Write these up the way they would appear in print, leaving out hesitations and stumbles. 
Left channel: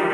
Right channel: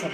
Hi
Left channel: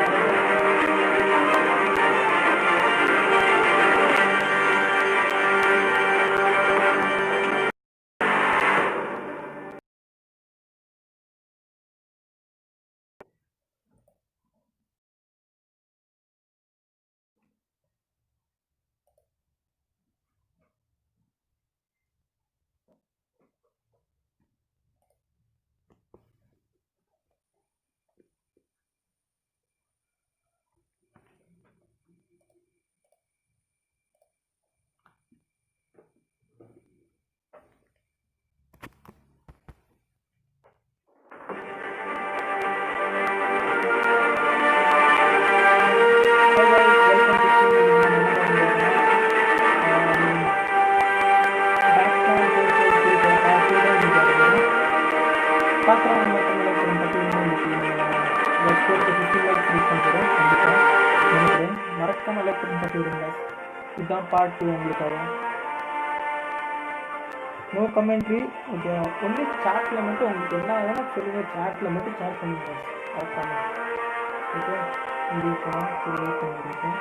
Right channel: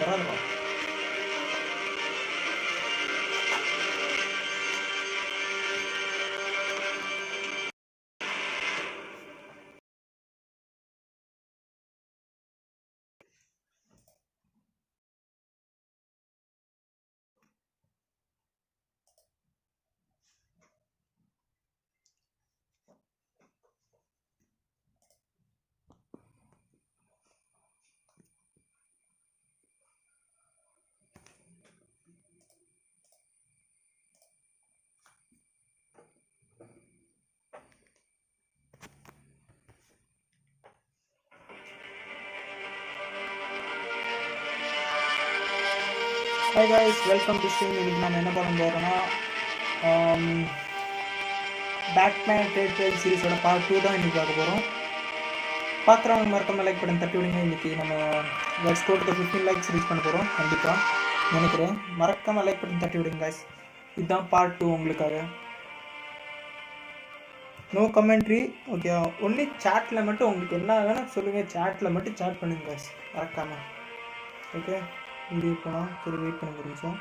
guys, welcome to stream. This is another Batman Telltale series part 2 தான் இன்னைக்கு வருகிறோம். பார்க்குறவங்க மறக்காம லைக் பண்ணி தட்டி விடுங்க. இன்னைக்கு நம்ம ஸ்கோர் 15 லைக்ஸ் ரீச் பண்ண போகிறோம் கண்டிப்பாக நினைக்கிறேன். மறக்காம லைக் பண்ணி தட்டி விடுங்க guys. இதுதான் பார்ட் 2 உங்களுக்காக. No commentary okay. ஒன்லி சாட்டில் மட்டும் உங்களுக்கு என்ன வேணும் சொல்லுங்கள். சாட்டில் மட்டும் சாட் பண்ணிங்க guys மறக்காம. ஓகே வீடியோ போனால் ஒரு wait பண்ணிருந்துச்சேன்.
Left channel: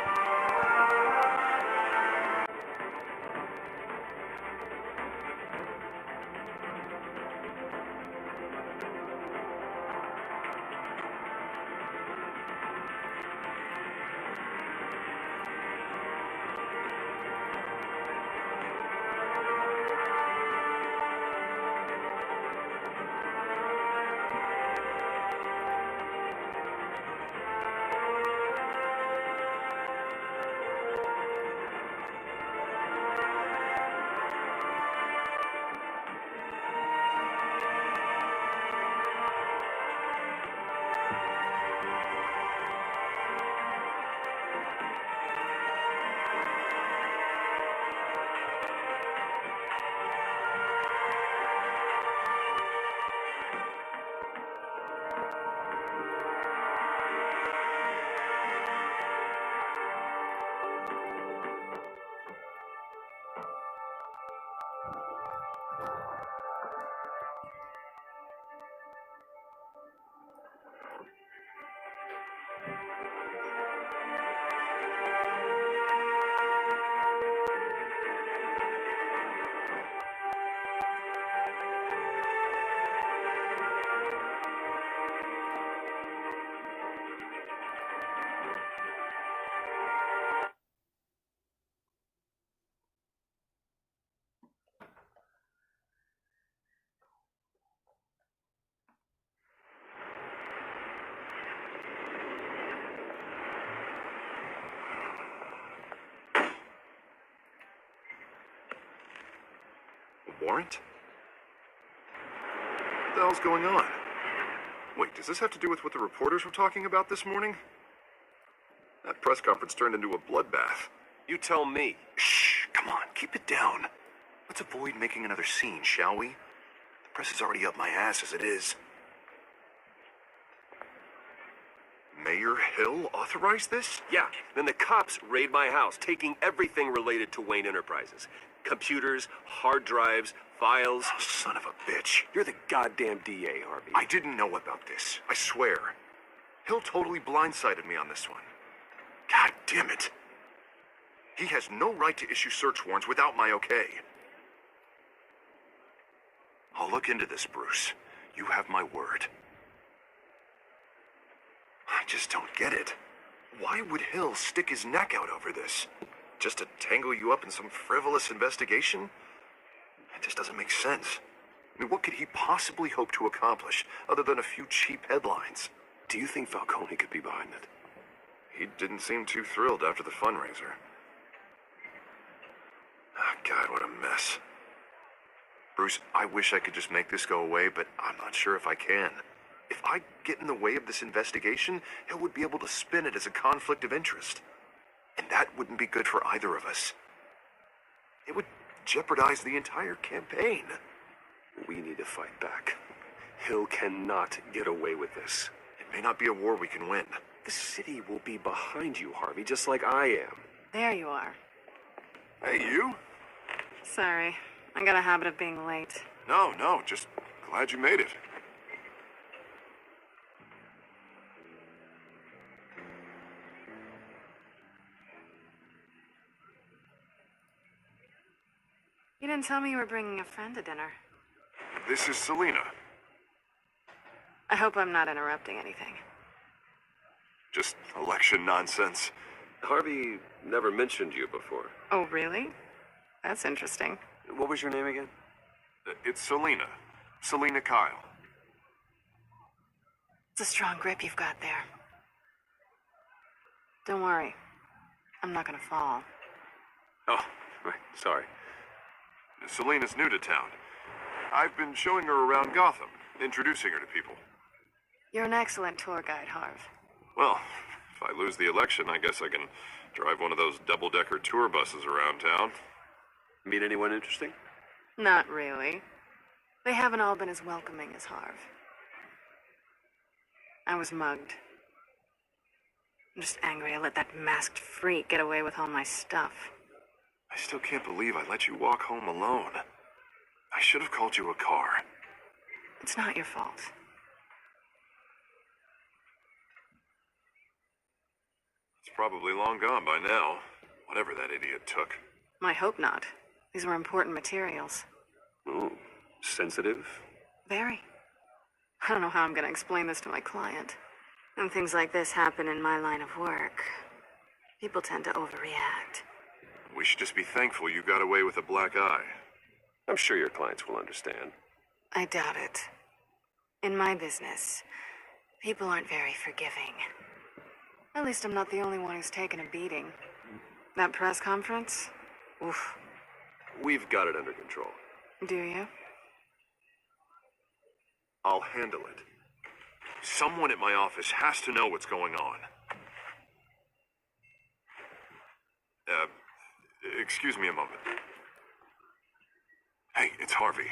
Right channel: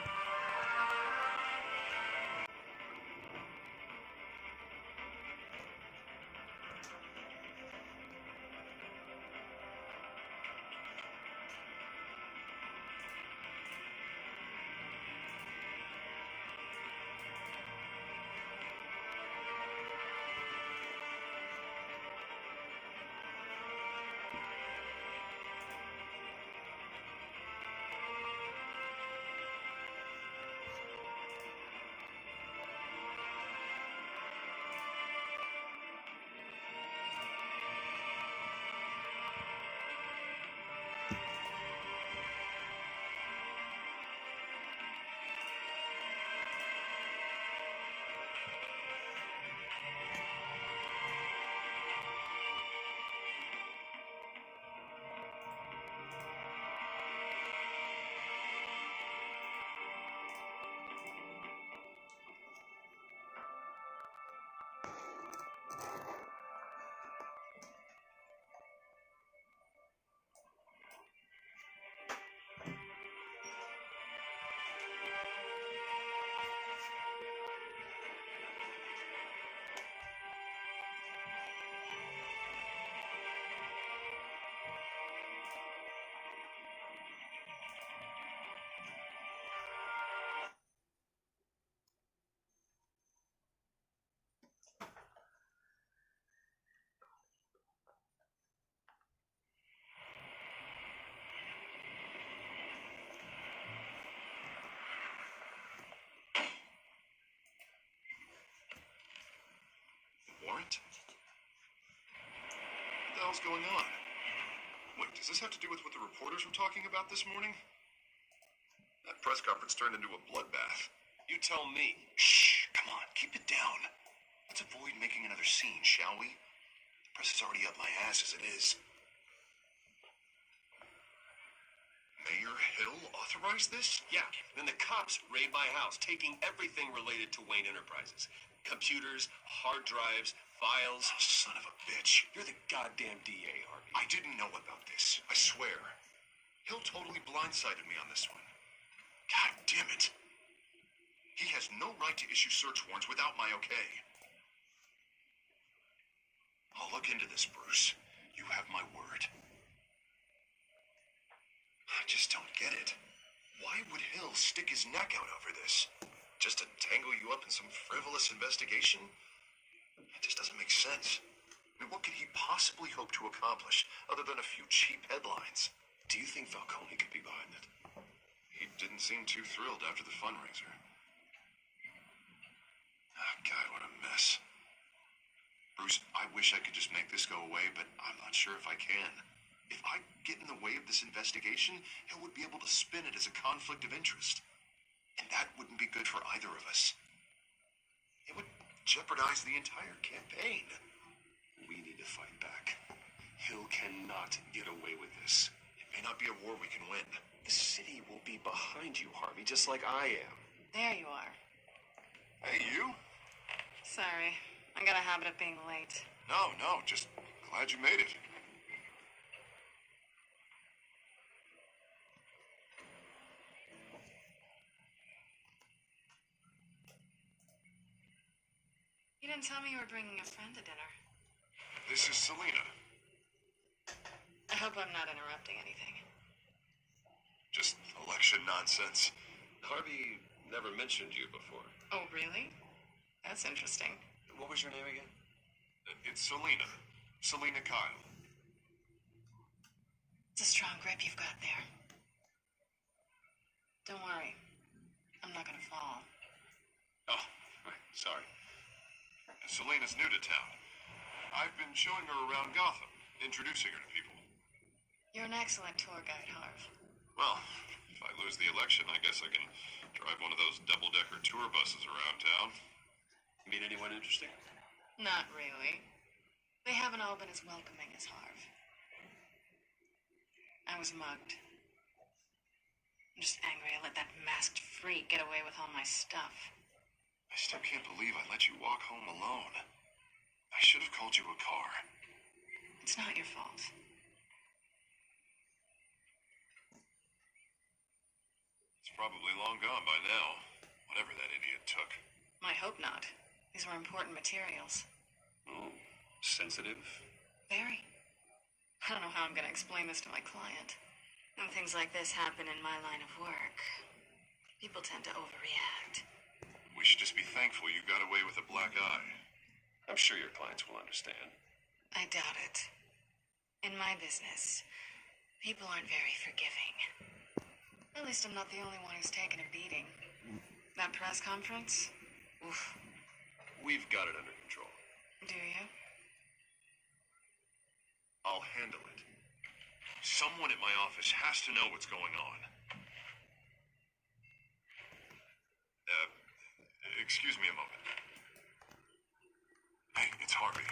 Warrant? What the hell's going on? Wait, does this have to do with what the reporters were talking about this morning? That press conference turned into a bloodbath. You tell me. Shh, come on, keep it down. Let's avoid making another scene, shall we? The press is already up my ass as it is. Mayor Hill authorized this? Yeah, then the cops raid my house, taking everything related to Wayne Enterprises. Computers, hard drives, files. Oh, son of a bitch. You're the goddamn DA, Harvey. I didn't know about this. I swear. Hill totally blindsided me on this one. God damn it. He has no right to issue search warrants without my okay. I'll look into this, Bruce. You have my word. I just don't get it. Why would Hill stick his neck out over this? Just to tangle you up in some frivolous investigation? It just doesn't make sense. I mean, what could he possibly hope to accomplish other than a few cheap headlines? Do you think Falcone could be behind it? He didn't seem too thrilled after the fundraiser. Oh, God, what a mess. Bruce, I wish I could just make this go away, but I'm not sure if I can. If I get in the way of this investigation, Hill would be able to spin it as a conflict of interest. And that wouldn't be good for either of us. It would jeopardize the entire campaign. We need to fight back. Hill cannot get away with this. It may not be a war we can win. The city will be behind you, Harvey, just like I am. There you are. Hey, you? Sorry. I got a habit of being late. No, just glad you made it. didn't tell me you were bringing a friend to dinner. This is Selena. I hope I'm not interrupting anything. Just election nonsense. Harvey never mentioned you before. Oh, really? That's interesting. What was your name again? It's Selena. Selena Kyle. It's a strong grip you've got there. Don't worry. I'm not gonna fall. Oh, right. Sorry. Selena's new to town. I've been showing her around Gotham, introducing her to people. You're an excellent tour guide, Harv. Well, if I lose the election, I guess I can drive one of those double-decker tour buses around town. Meet anyone interesting? Not really. They haven't all been as welcoming as Harv. I was mugged. I'm just angry I let that masked freak get away with all my stuff. I still can't believe I let you walk home alone. I should have called you a car. It's not your fault. It's probably long gone by now, whatever that idiot took. I hope not. These were important materials. Oh, sensitive? Very. I don't know how I'm going to explain this to my client. When things like this happen in my line of work, people tend to overreact. We should just be thankful you got away with a black eye. I'm sure your clients will understand. I doubt it. In my business, people aren't very forgiving. At least I'm not the only one who's taken a beating. That press conference? Oof. We've got it under control. Do you? I'll handle it. Someone at my office has to know what's going on. Excuse me a moment. Hey, it's Harvey.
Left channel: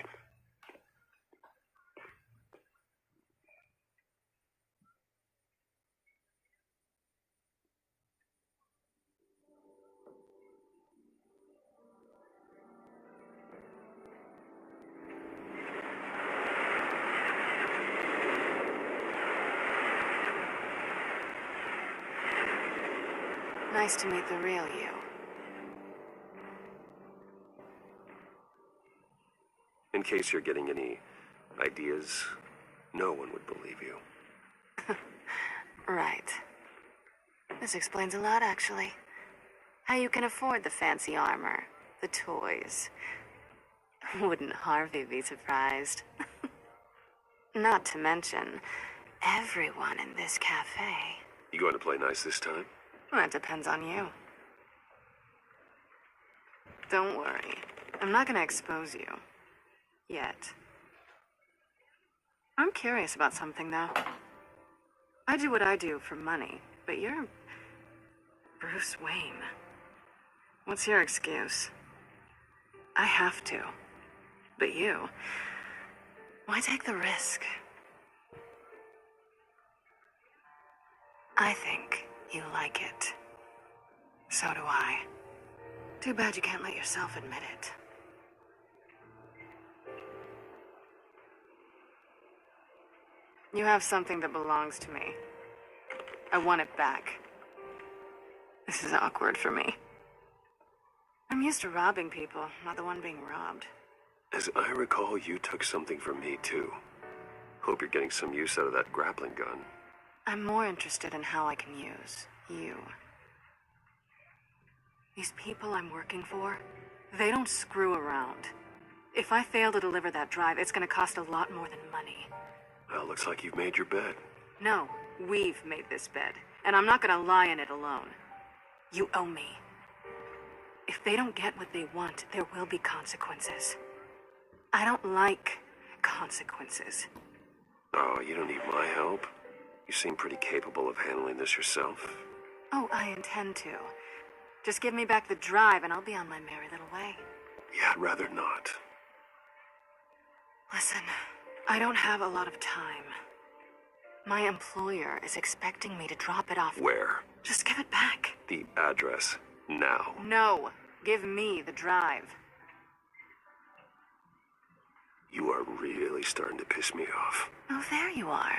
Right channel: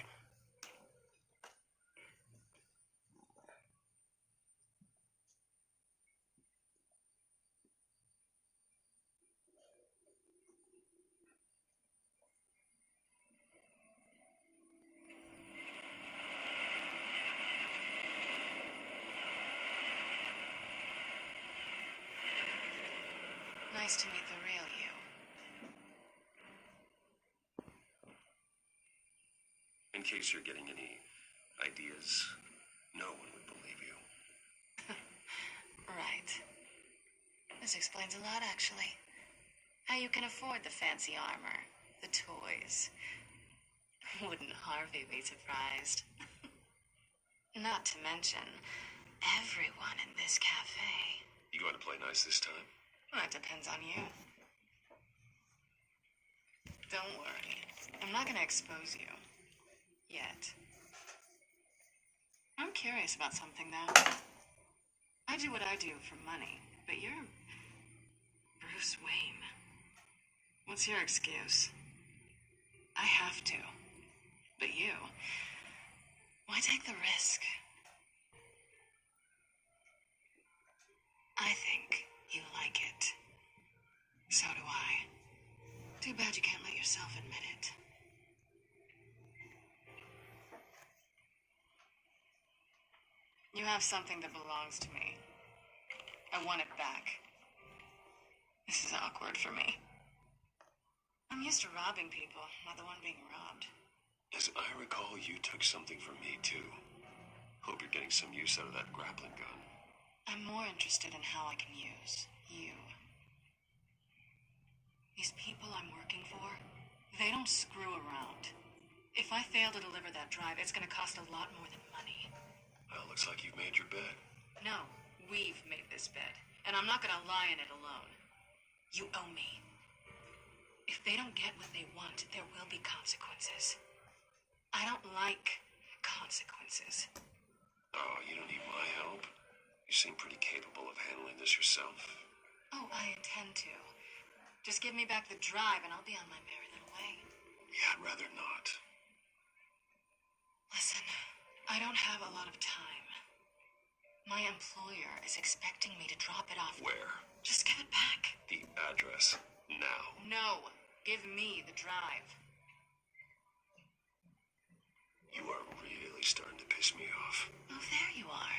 Nice to meet the real you. In case you're getting any ideas, no one would believe you. Right. This explains a lot, actually. How you can afford the fancy armor, the toys. Wouldn't Harvey be surprised? Not to mention, everyone in this cafe. You going to play nice this time? Well, that depends on you. Don't worry. I'm not going to expose you. Yet. I'm curious about something, though. I do what I do for money, but you're Bruce Wayne. What's your excuse? I have to. But you, why take the risk? I think you like it. So do I. Too bad you can't let yourself admit it. You have something that belongs to me. I want it back. This is awkward for me. I'm used to robbing people, not the one being robbed. As I recall, you took something from me, too. Hope you're getting some use out of that grappling gun. I'm more interested in how I can use you. These people I'm working for, they don't screw around. If I fail to deliver that drive, it's gonna cost a lot more than money. Well, looks like you've made your bed. No, we've made this bed, and I'm not gonna lie in it alone. You owe me. If they don't get what they want, there will be consequences. I don't like consequences. Oh, you don't need my help. You seem pretty capable of handling this yourself. Oh, I intend to. Just give me back the drive and I'll be on my merry little way. Yeah, I'd rather not. Listen, I don't have a lot of time. My employer is expecting me to drop it off. Where? Just give it back. The address. Now. No, give me the drive. You are really starting to piss me off. Oh, there you are.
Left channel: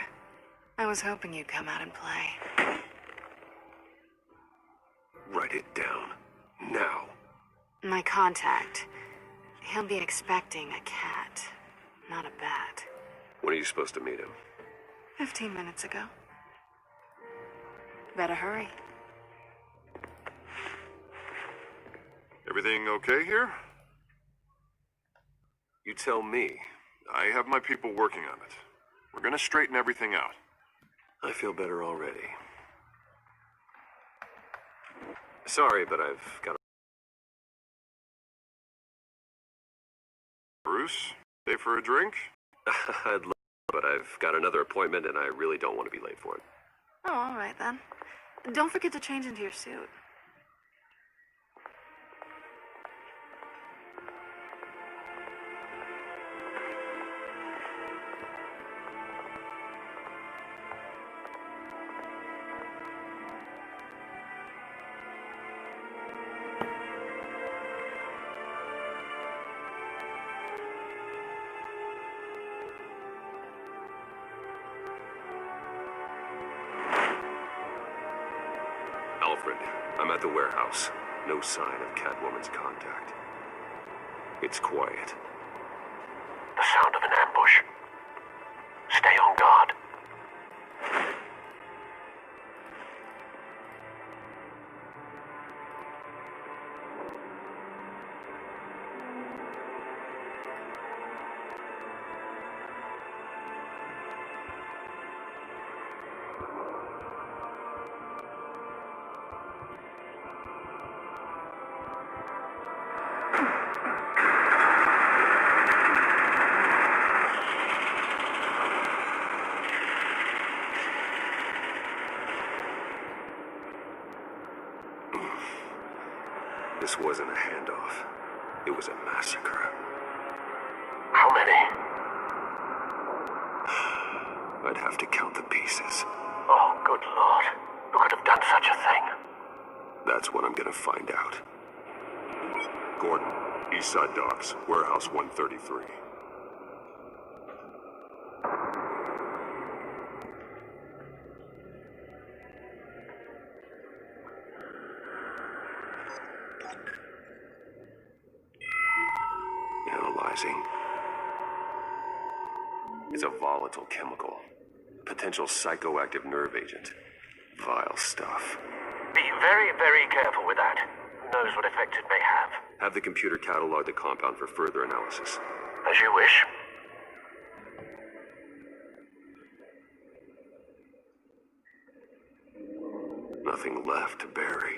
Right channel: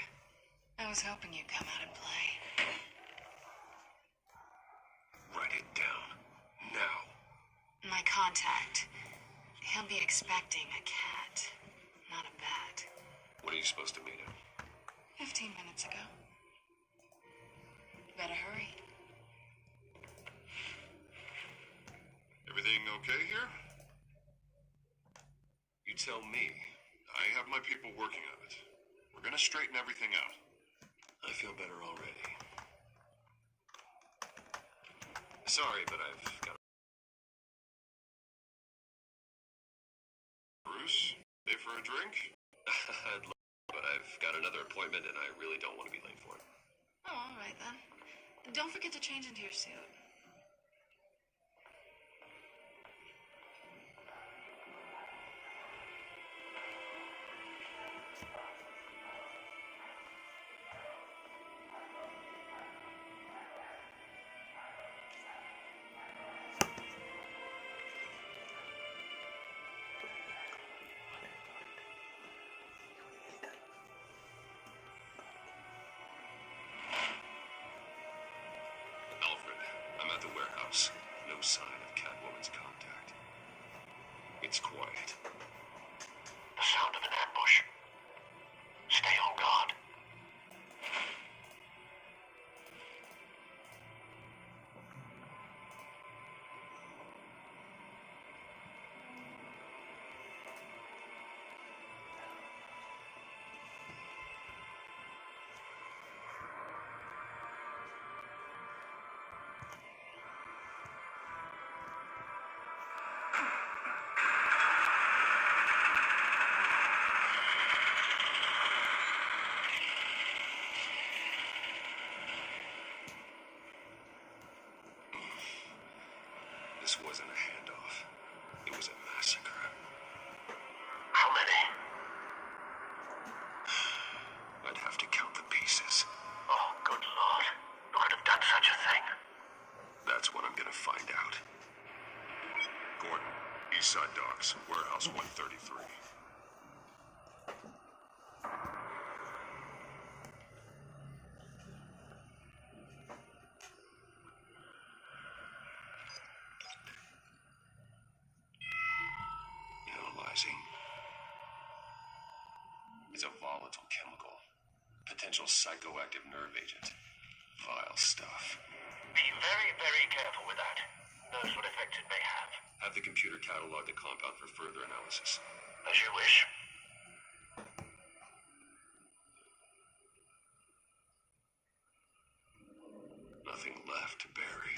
I was hoping you'd come out and play. Write it down. Now. My contact He'll be expecting a cat, not a bat. When are you supposed to meet him? 15 minutes ago. Better hurry. Everything okay here? You tell me. I have my people working on it. We're gonna straighten everything out. I feel better already. Sorry, but I've got Bruce, stay for a drink? I'd love, but I've got another appointment and I really don't want to be late for it. Oh, all right then. Don't forget to change into your suit. Alfred, I'm at the warehouse. No sign of Catwoman's contact. It's quiet. The sound of an ambush. Stay on guard. This wasn't a handoff. It was a massacre. How many? I'd have to count the pieces. Oh, good Lord. Who could have done such a thing? That's what I'm gonna find out. Gordon, Eastside Docks, Warehouse 133. Analyzing. It's a volatile chemical. Potential psychoactive nerve agent. Vile stuff. Be very, very careful with that. Who knows what effect it may have? Have the computer catalog the compound for further analysis. As you wish. Nothing left to bury.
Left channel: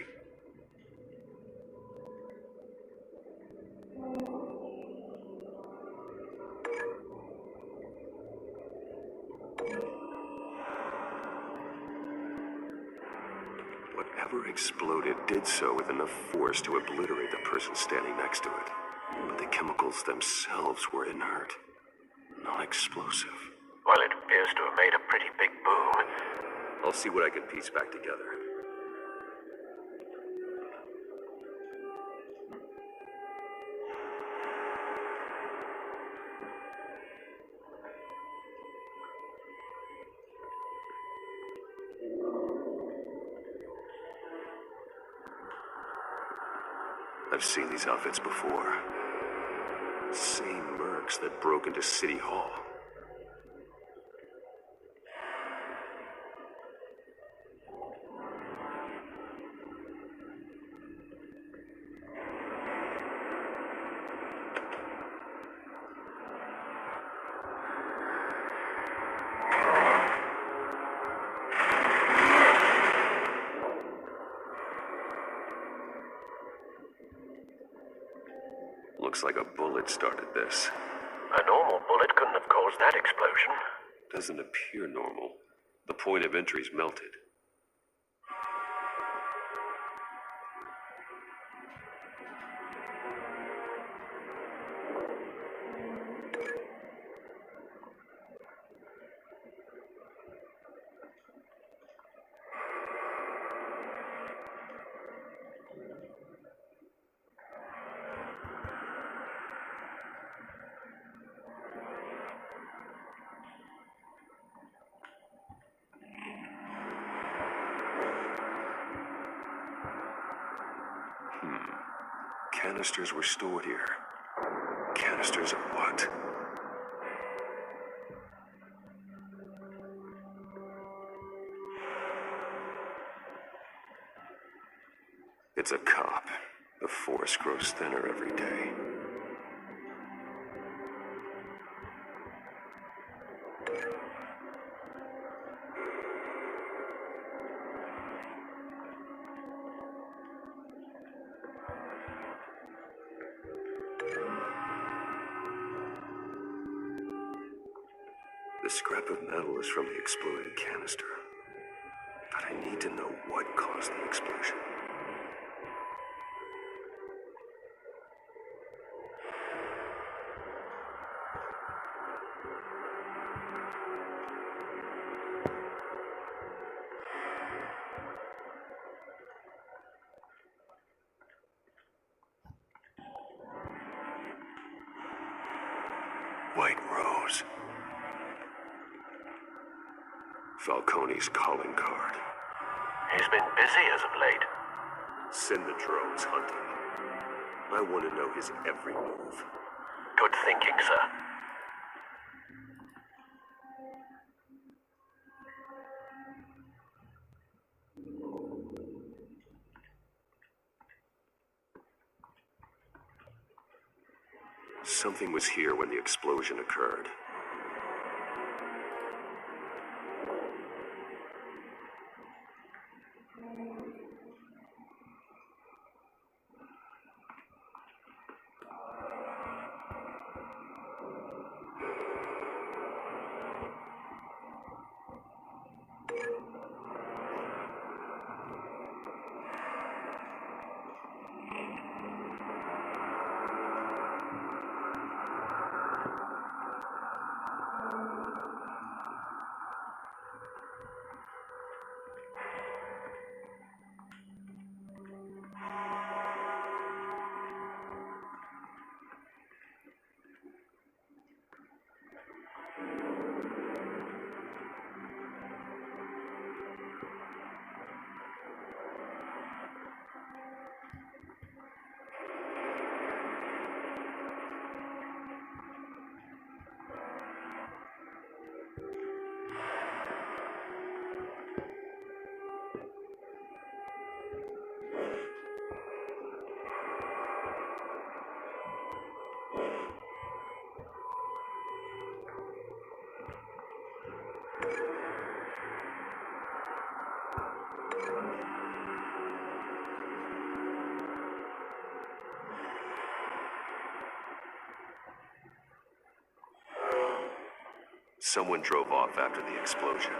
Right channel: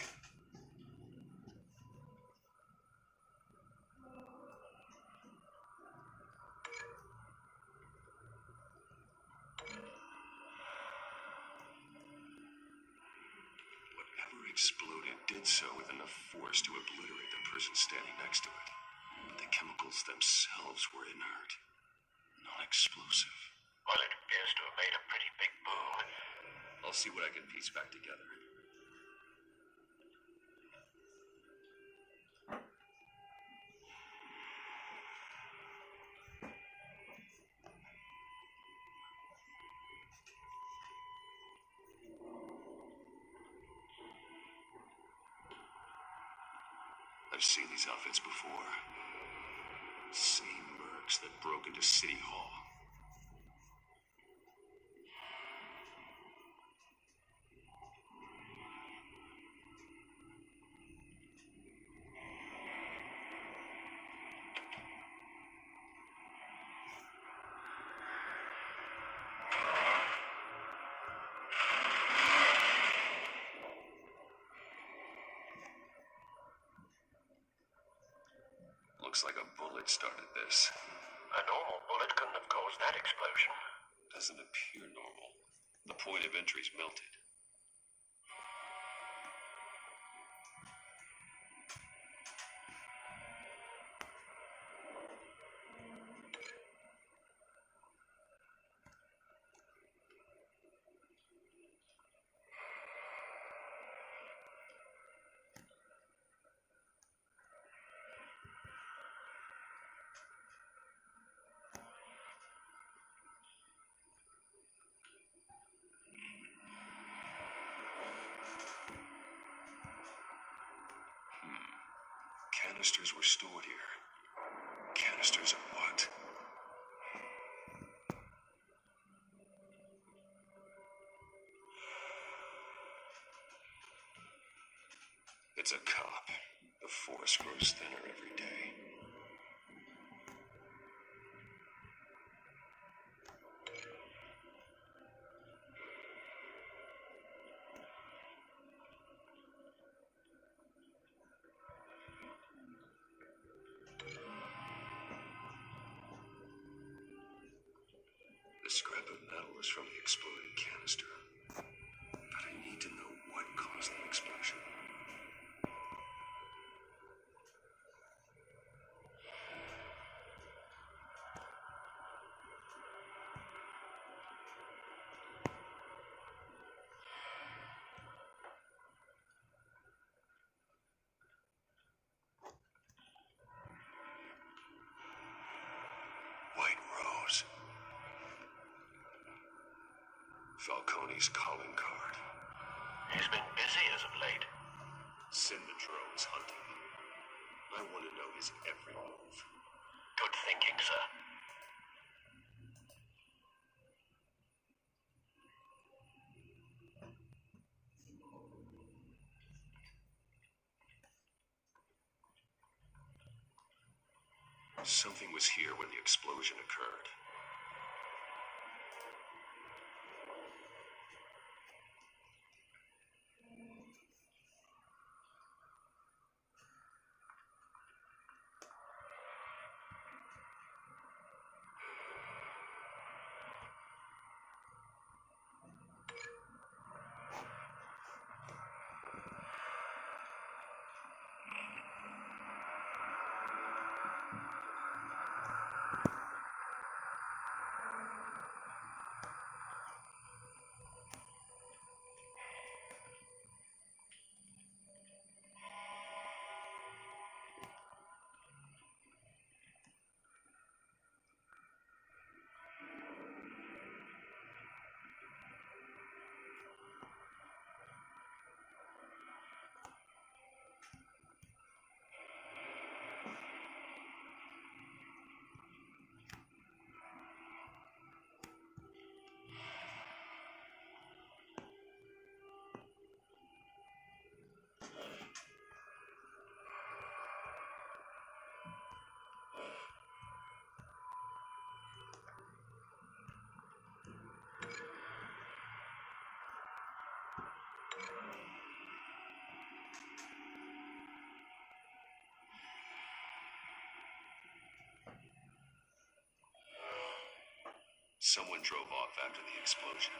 Whatever exploded did so with enough force to obliterate the person standing next to it. But the chemicals themselves were inert, non-explosive. Well, it appears to have made a pretty big boom. I'll see what I can piece back together. I've seen these outfits before. Same mercs that broke into City Hall. Looks like a bullet started this. A normal bullet couldn't have caused that explosion. Doesn't appear normal. The point of entry's melted. Canisters were stored here. Canisters of what? It's a cop. The force grows thinner every day. The scrap of metal is from the exploded canister. But I need to know what caused the explosion. White Rose. Falcone's calling card. He's been busy as of late. Send the drones hunting. I want to know his every move. Good thinking, sir. Something was here when the explosion occurred. Someone drove off after the explosion.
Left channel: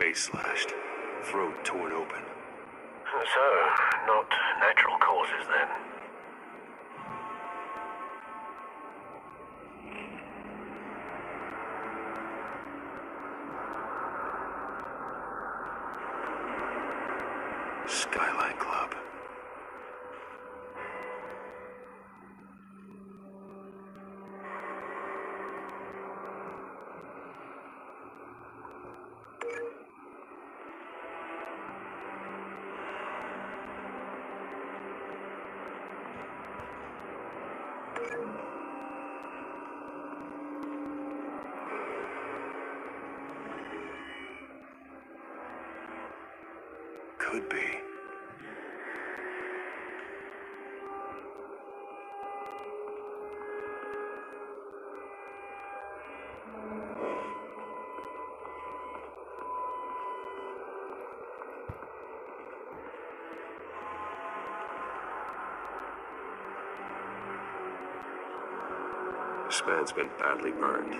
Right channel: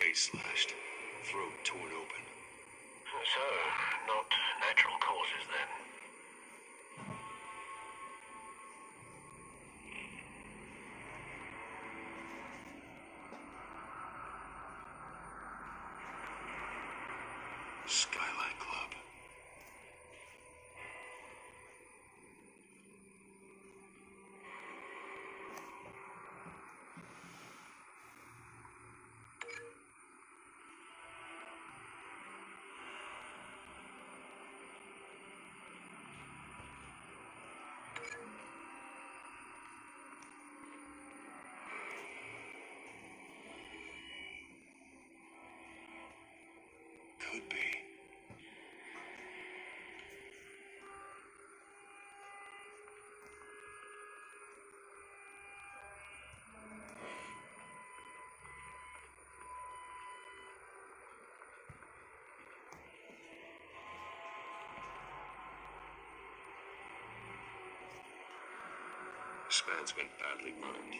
face slashed, throat torn open. So, not natural causes then. Skylight Club. Could be. This man's been badly burned,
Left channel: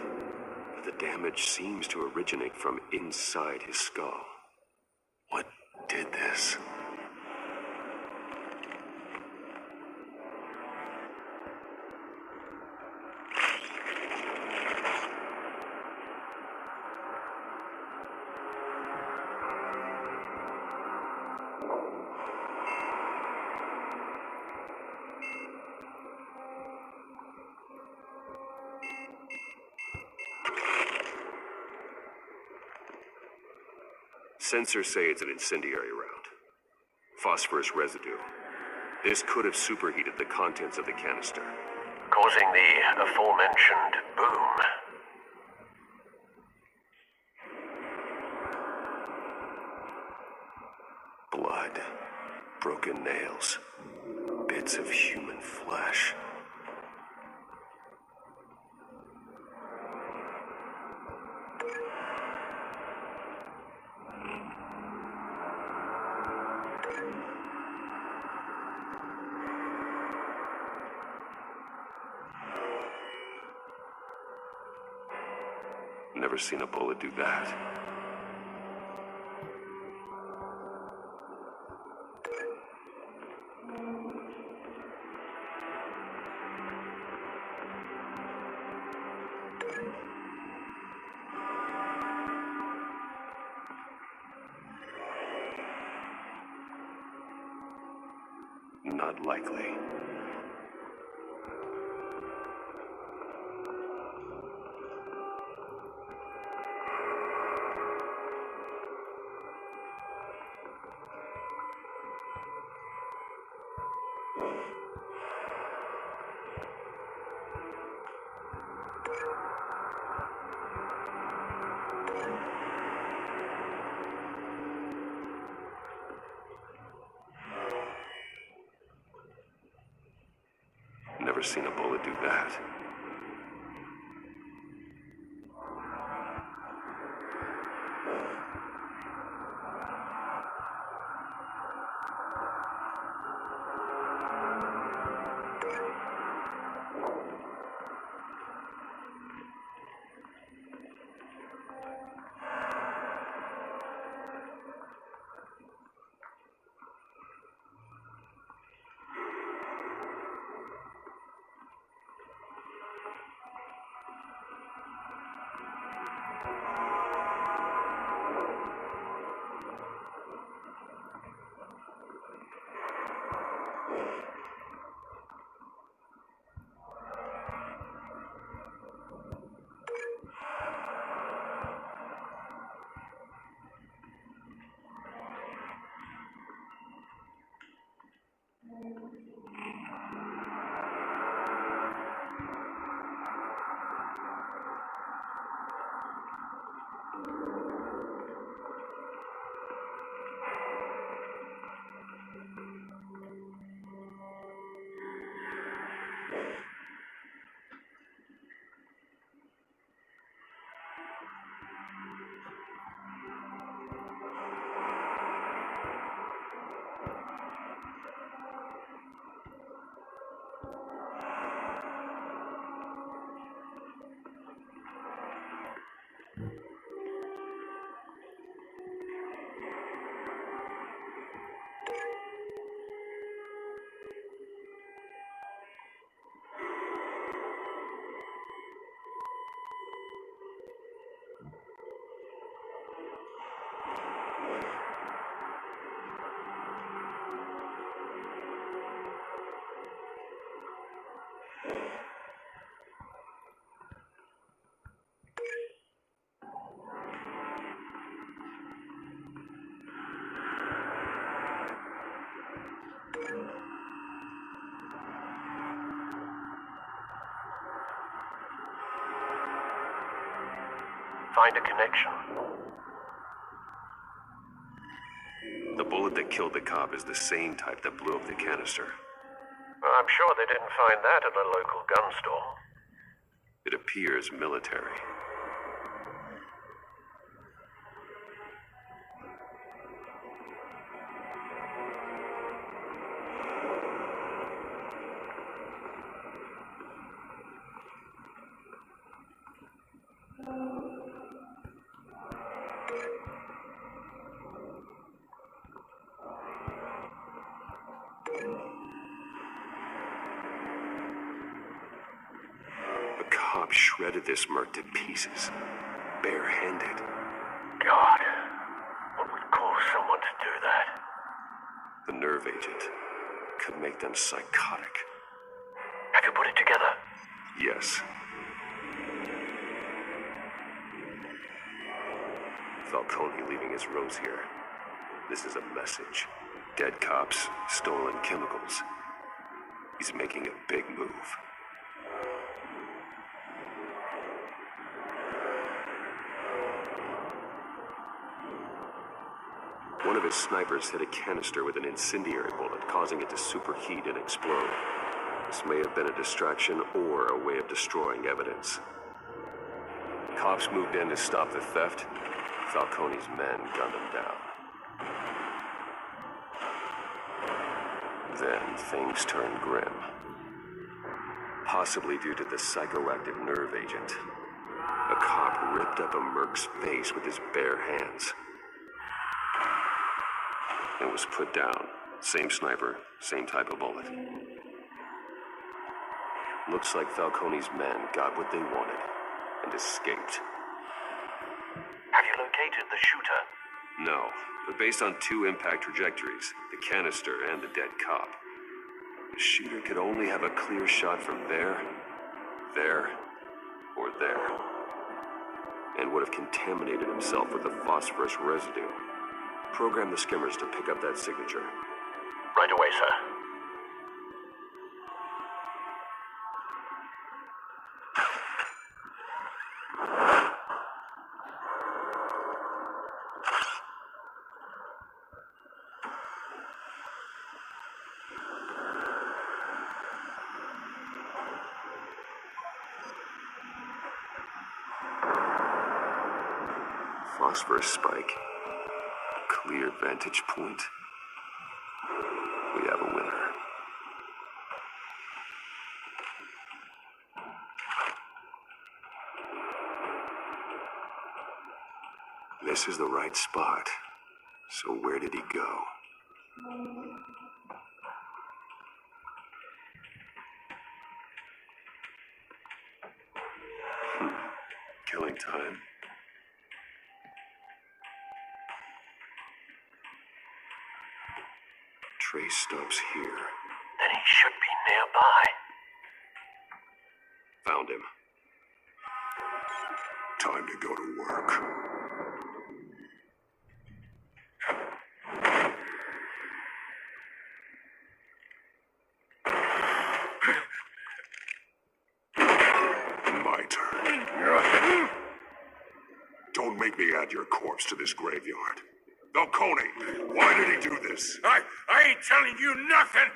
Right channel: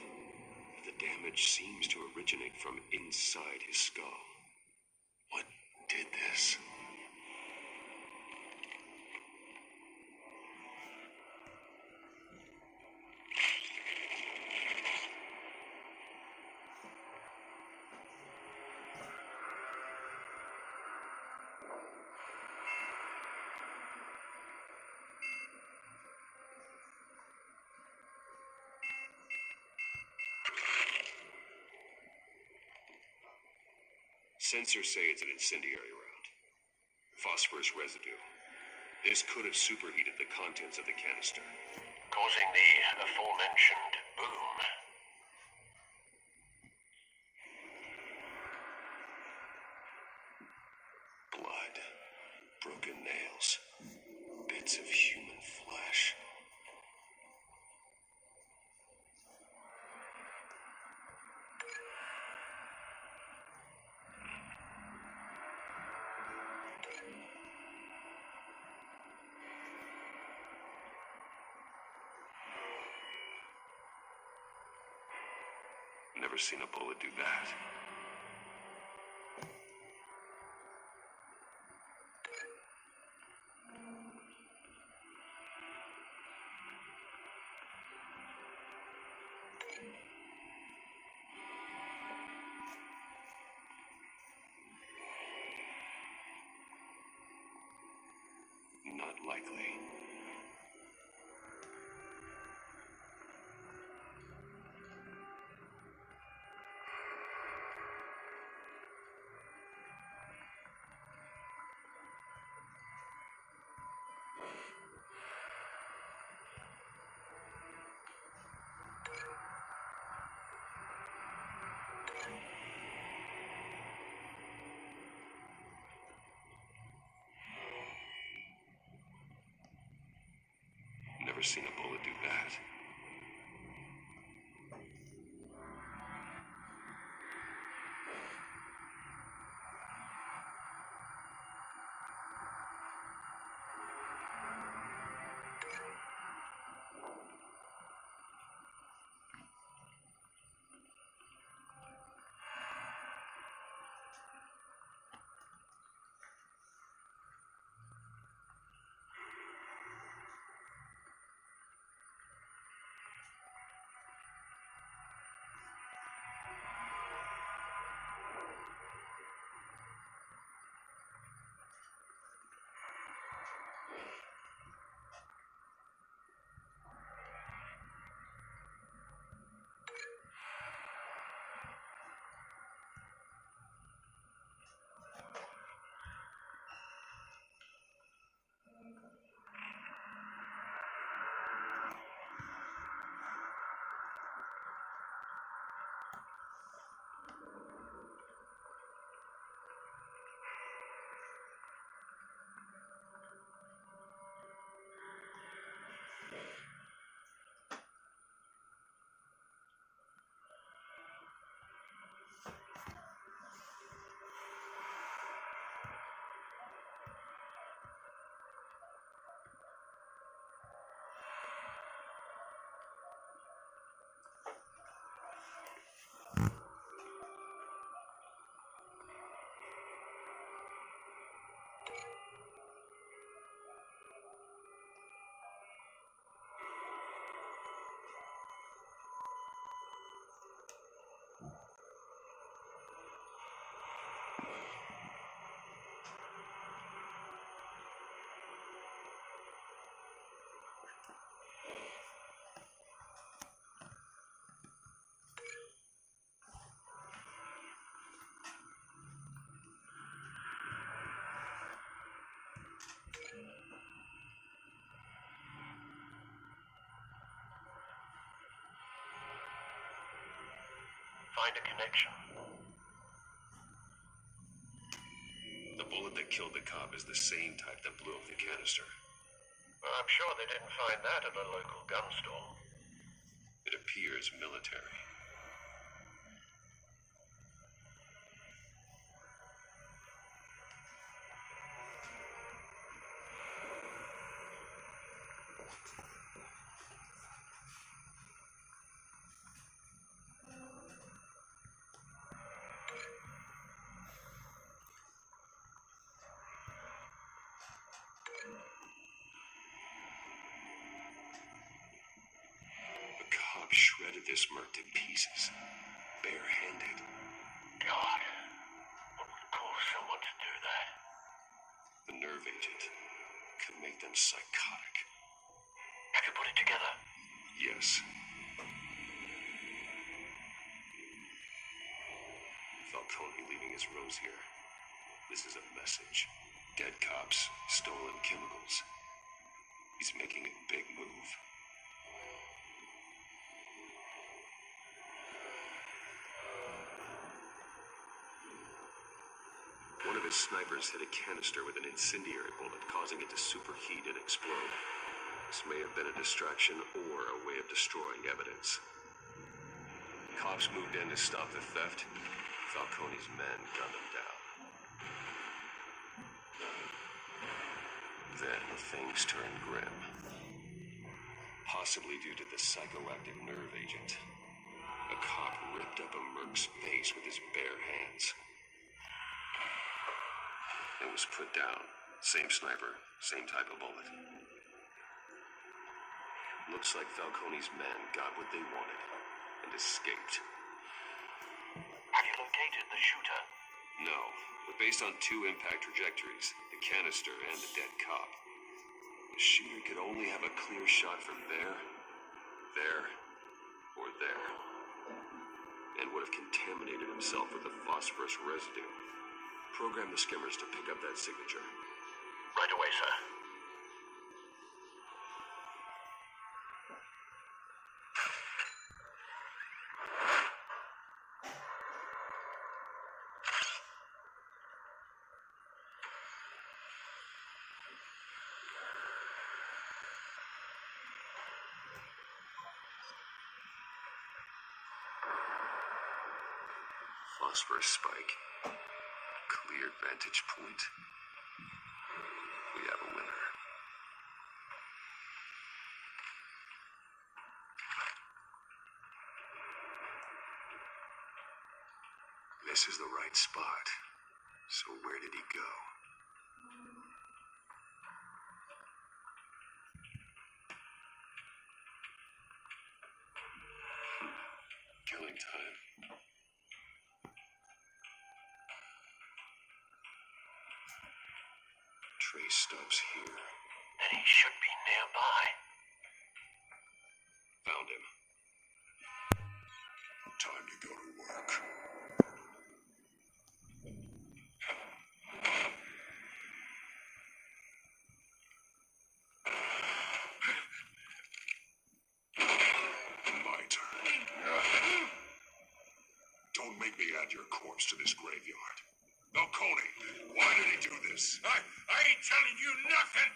but the damage seems to originate from inside his skull. What did this? Sensors say it's an incendiary round. Phosphorus residue. This could have superheated the contents of the canister, Causing the aforementioned boom. Blood, broken nails, bits of human flesh. Never seen a bullet do that. Not likely. Never seen a bullet do that. find a connection. The bullet that killed the cop is the same type that blew up the canister. Well, I'm sure they didn't find that at the local gun store. It appears military. Shredded this merc to pieces, barehanded. God, what would cause someone to do that? The nerve agent could make them psychotic. Have you put it together? Yes. Falcone leaving his rose here. This is a message. Dead cops, stolen chemicals. He's making a big move. One of his snipers hit a canister with an incendiary bullet, causing it to superheat and explode. This may have been a distraction or a way of destroying evidence. Cops moved in to stop the theft. Falcone's men gunned him down. Then things turned grim. Possibly due to the psychoactive nerve agent. A cop ripped up a merc's face with his bare hands. It was put down. Same sniper, same type of bullet. Looks like Falcone's men got what they wanted and escaped. Have you located the shooter? No, but based on two impact trajectories, the canister and the dead cop, the shooter could only have a clear shot from there, or there, and would have contaminated himself with the phosphorus residue. Program the skimmers to pick up that signature. Right away, sir. Phosphorus spike. Clear vantage point. We have a winner. This is the right spot. So where did he go? Killing time. Trace stops here. Then he should be nearby. Found him. Time to go to work. My turn. Don't make me add your corpse to this graveyard. Falcone, why did he do this? I ain't telling you nothing.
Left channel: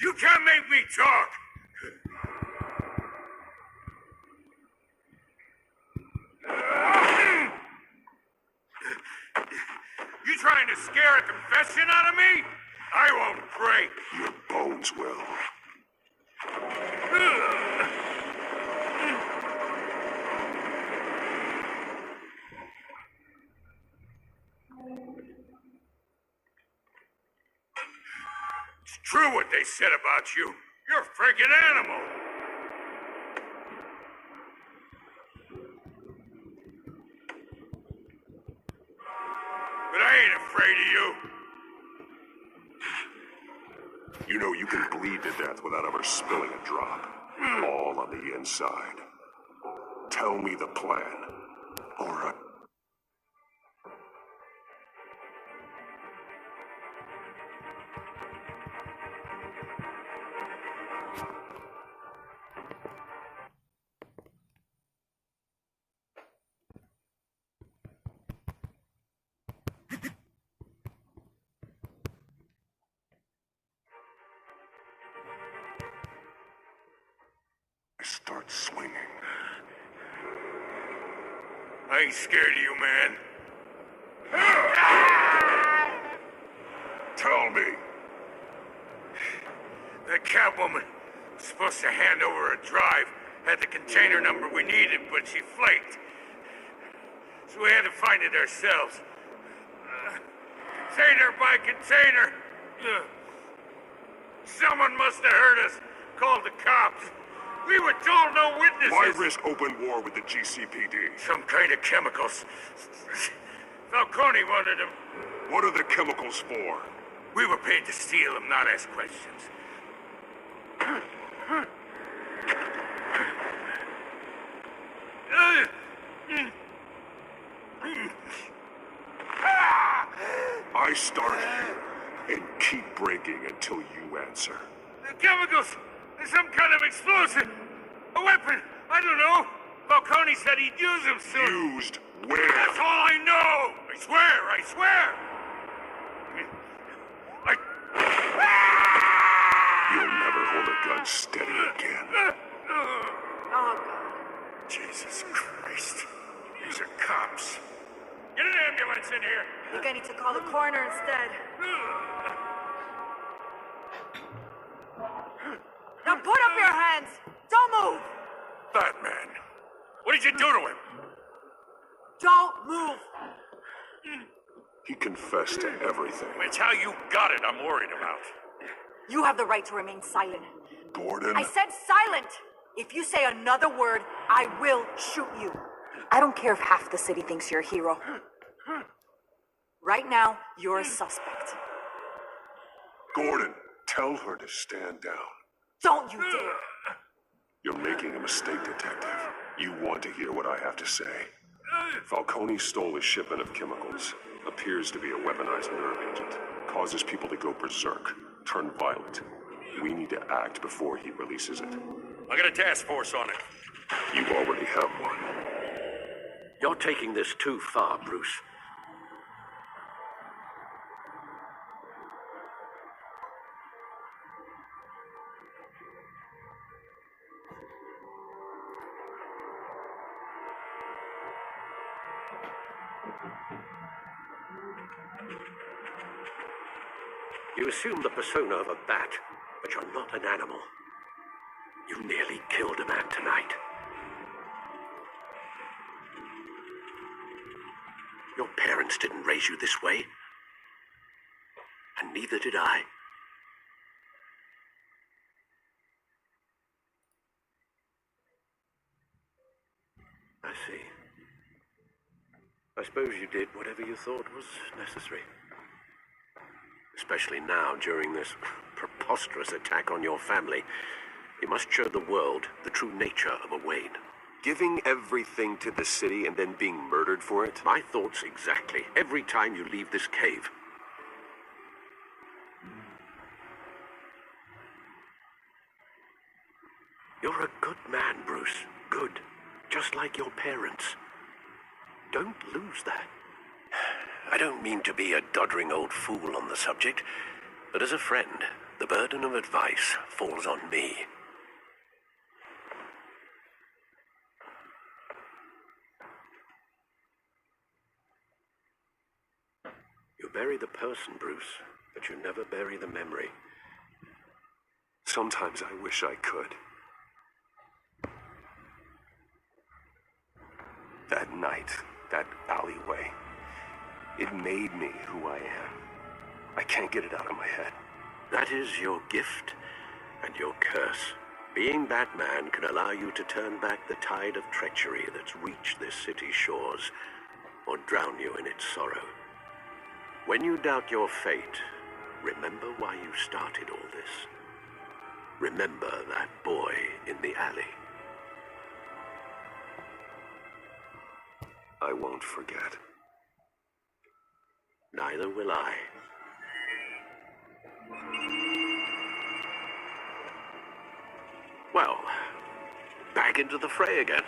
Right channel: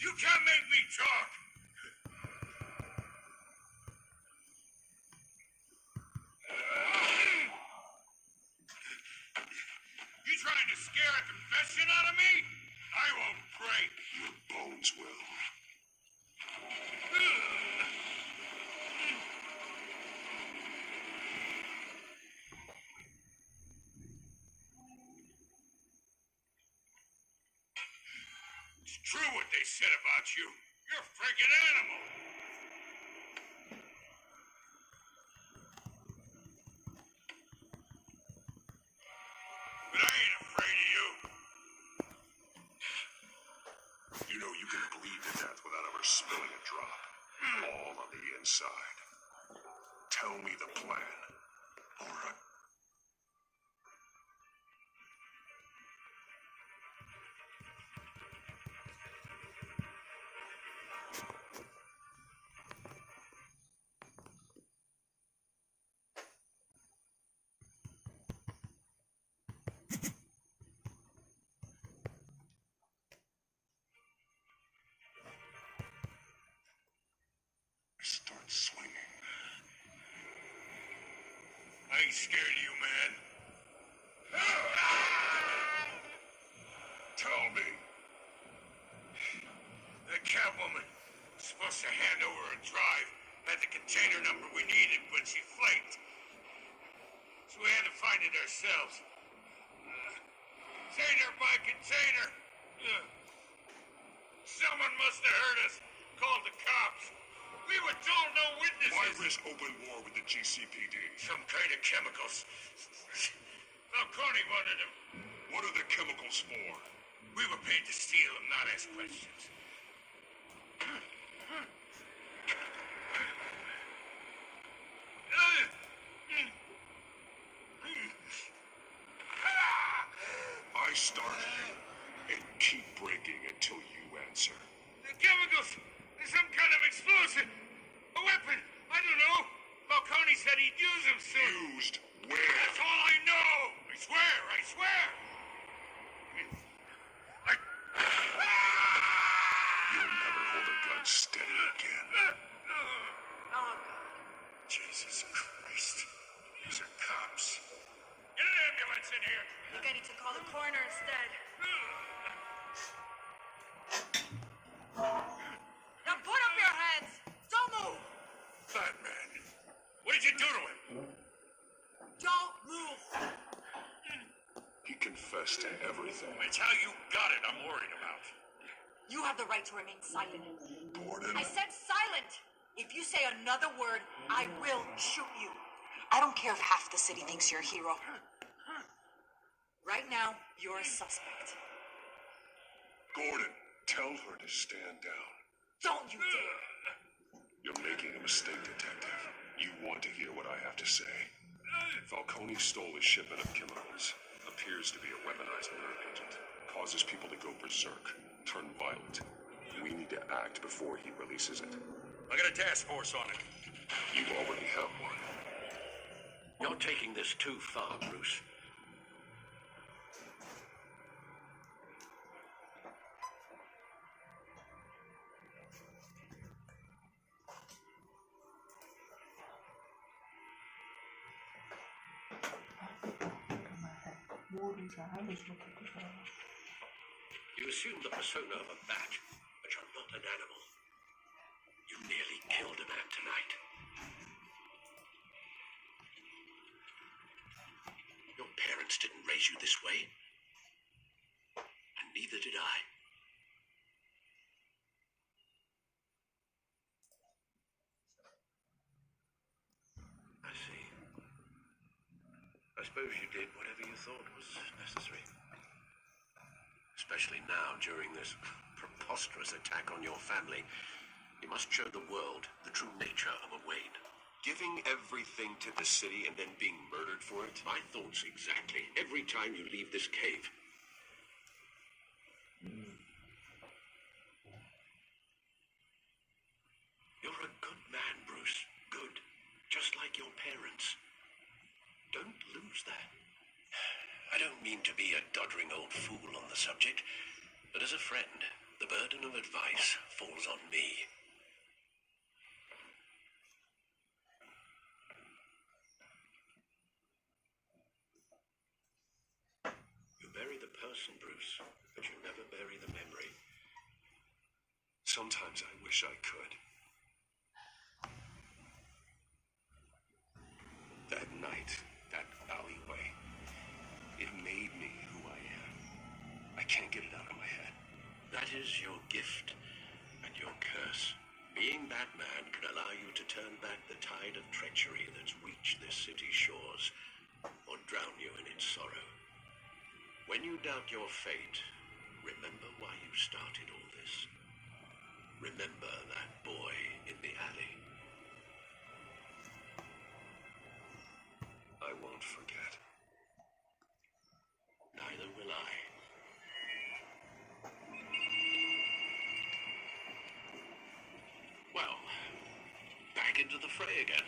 You can't make me talk. You trying to scare a confession out of me? I won't break. Your bones will. It's true what they said about you. You're a freaking animal. But I ain't afraid of you. You know you can bleed to death without ever spilling a drop. All on the inside. Tell me the plan. Or I... start swinging. I ain't scared of you, man. Tell me. That Catwoman was supposed to hand over a drive, had the container number we needed, but she flaked. So we had to find it ourselves. Container by container. Someone must have heard us, called the cops. We were told no witnesses. Why risk open war with the GCPD? Some kind of chemicals. Falcone wanted them. What are the chemicals for? We were paid to steal them, not ask questions. I start here and keep breaking until you answer. The chemicals! There's some kind of explosive! A weapon! I don't know! Falcone said he'd use them soon! Used where? That's all I know! I swear! You'll never hold a gun steady again. Oh, Jesus Christ. These are cops. Get an ambulance in here! I think I need to call the coroner instead. Now put up your hands! Don't move! Batman, what did you do to him? Don't move! He confessed to everything. It's how you got it I'm worried about. You have the right to remain silent. Gordon? I said silent! If you say another word, I will shoot you. I don't care if half the city thinks you're a hero. Right now, you're a suspect. Gordon, tell her to stand down. Don't you dare! You're making a mistake, detective. You want to hear what I have to say. Falcone stole a shipment of chemicals. Appears to be a weaponized nerve agent. Causes people to go berserk, turn violent. We need to act before he releases it. I got a task force on it. You already have one. You're taking this too far, Bruce. You assume the persona of a bat, but you're not an animal. You nearly killed a man tonight. Your parents didn't raise you this way. And neither did I. I see. I suppose you did whatever you thought was necessary. Especially now, during this preposterous attack on your family. You must show the world the true nature of a Wayne. Giving everything to the city and then being murdered for it? My thoughts exactly. Every time you leave this cave. You're a good man, Bruce. Good. Just like your parents. Don't lose that. I don't mean to be a doddering old fool on the subject, but as a friend, the burden of advice falls on me. You bury the person, Bruce, but you never bury the memory. Sometimes I wish I could. That night, that alleyway, it made me who I am. I can't get it out of my head. That is your gift and your curse. Being Batman can allow you to turn back the tide of treachery that's reached this city's shores, or drown you in its sorrow. When you doubt your fate, remember why you started all this. Remember that boy in the alley. I won't forget. Neither will I. Well, back into the fray again.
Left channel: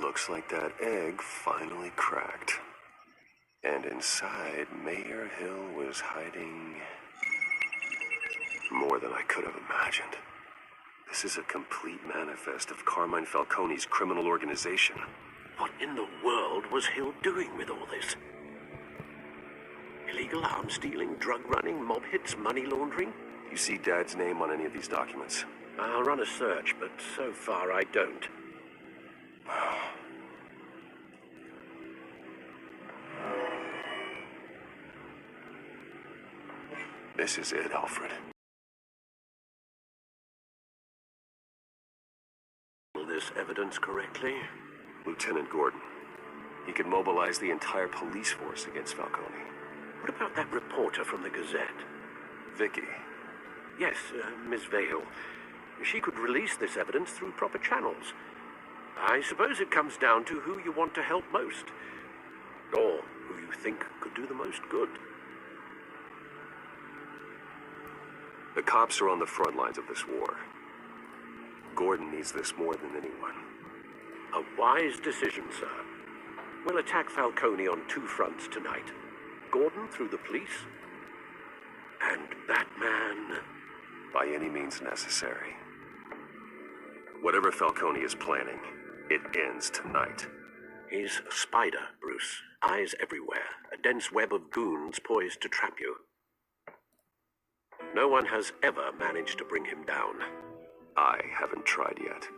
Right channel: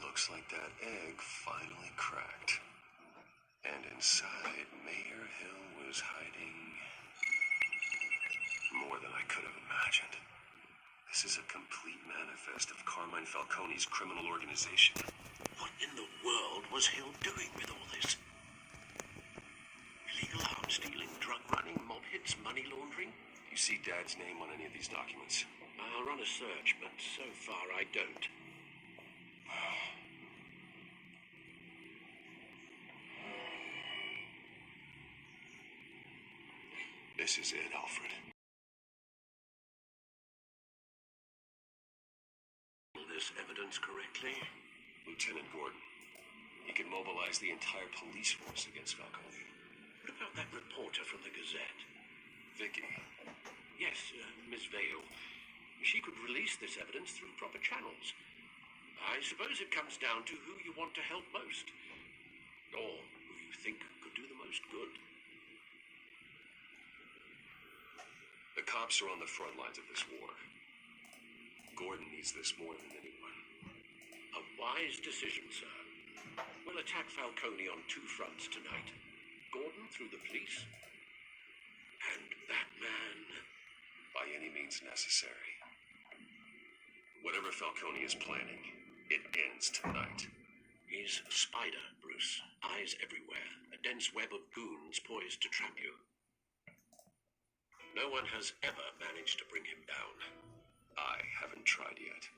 Looks like that egg finally cracked. And inside, Mayor Hill was hiding more than I could have imagined. This is a complete manifest of Carmine Falcone's criminal organization. What in the world was Hill doing with all this? Illegal arms dealing, drug running, mob hits, money laundering? You see Dad's name on any of these documents? I'll run a search, but so far I don't. This is it, Alfred. This evidence correctly? Lieutenant Gordon. He could mobilize the entire police force against Falcone. What about that reporter from the Gazette? Vicky. Yes, Miss Vale. She could release this evidence through proper channels. I suppose it comes down to who you want to help most. Or who you think could do the most good. The cops are on the front lines of this war. Gordon needs this more than anyone. A wise decision, sir. We'll attack Falcone on two fronts tonight. Gordon through the police, and Batman by any means necessary. Whatever Falcone is planning, it ends tonight. He's a spider, Bruce. Eyes everywhere. A dense web of goons poised to trap you. No one has ever managed to bring him down. I haven't tried yet.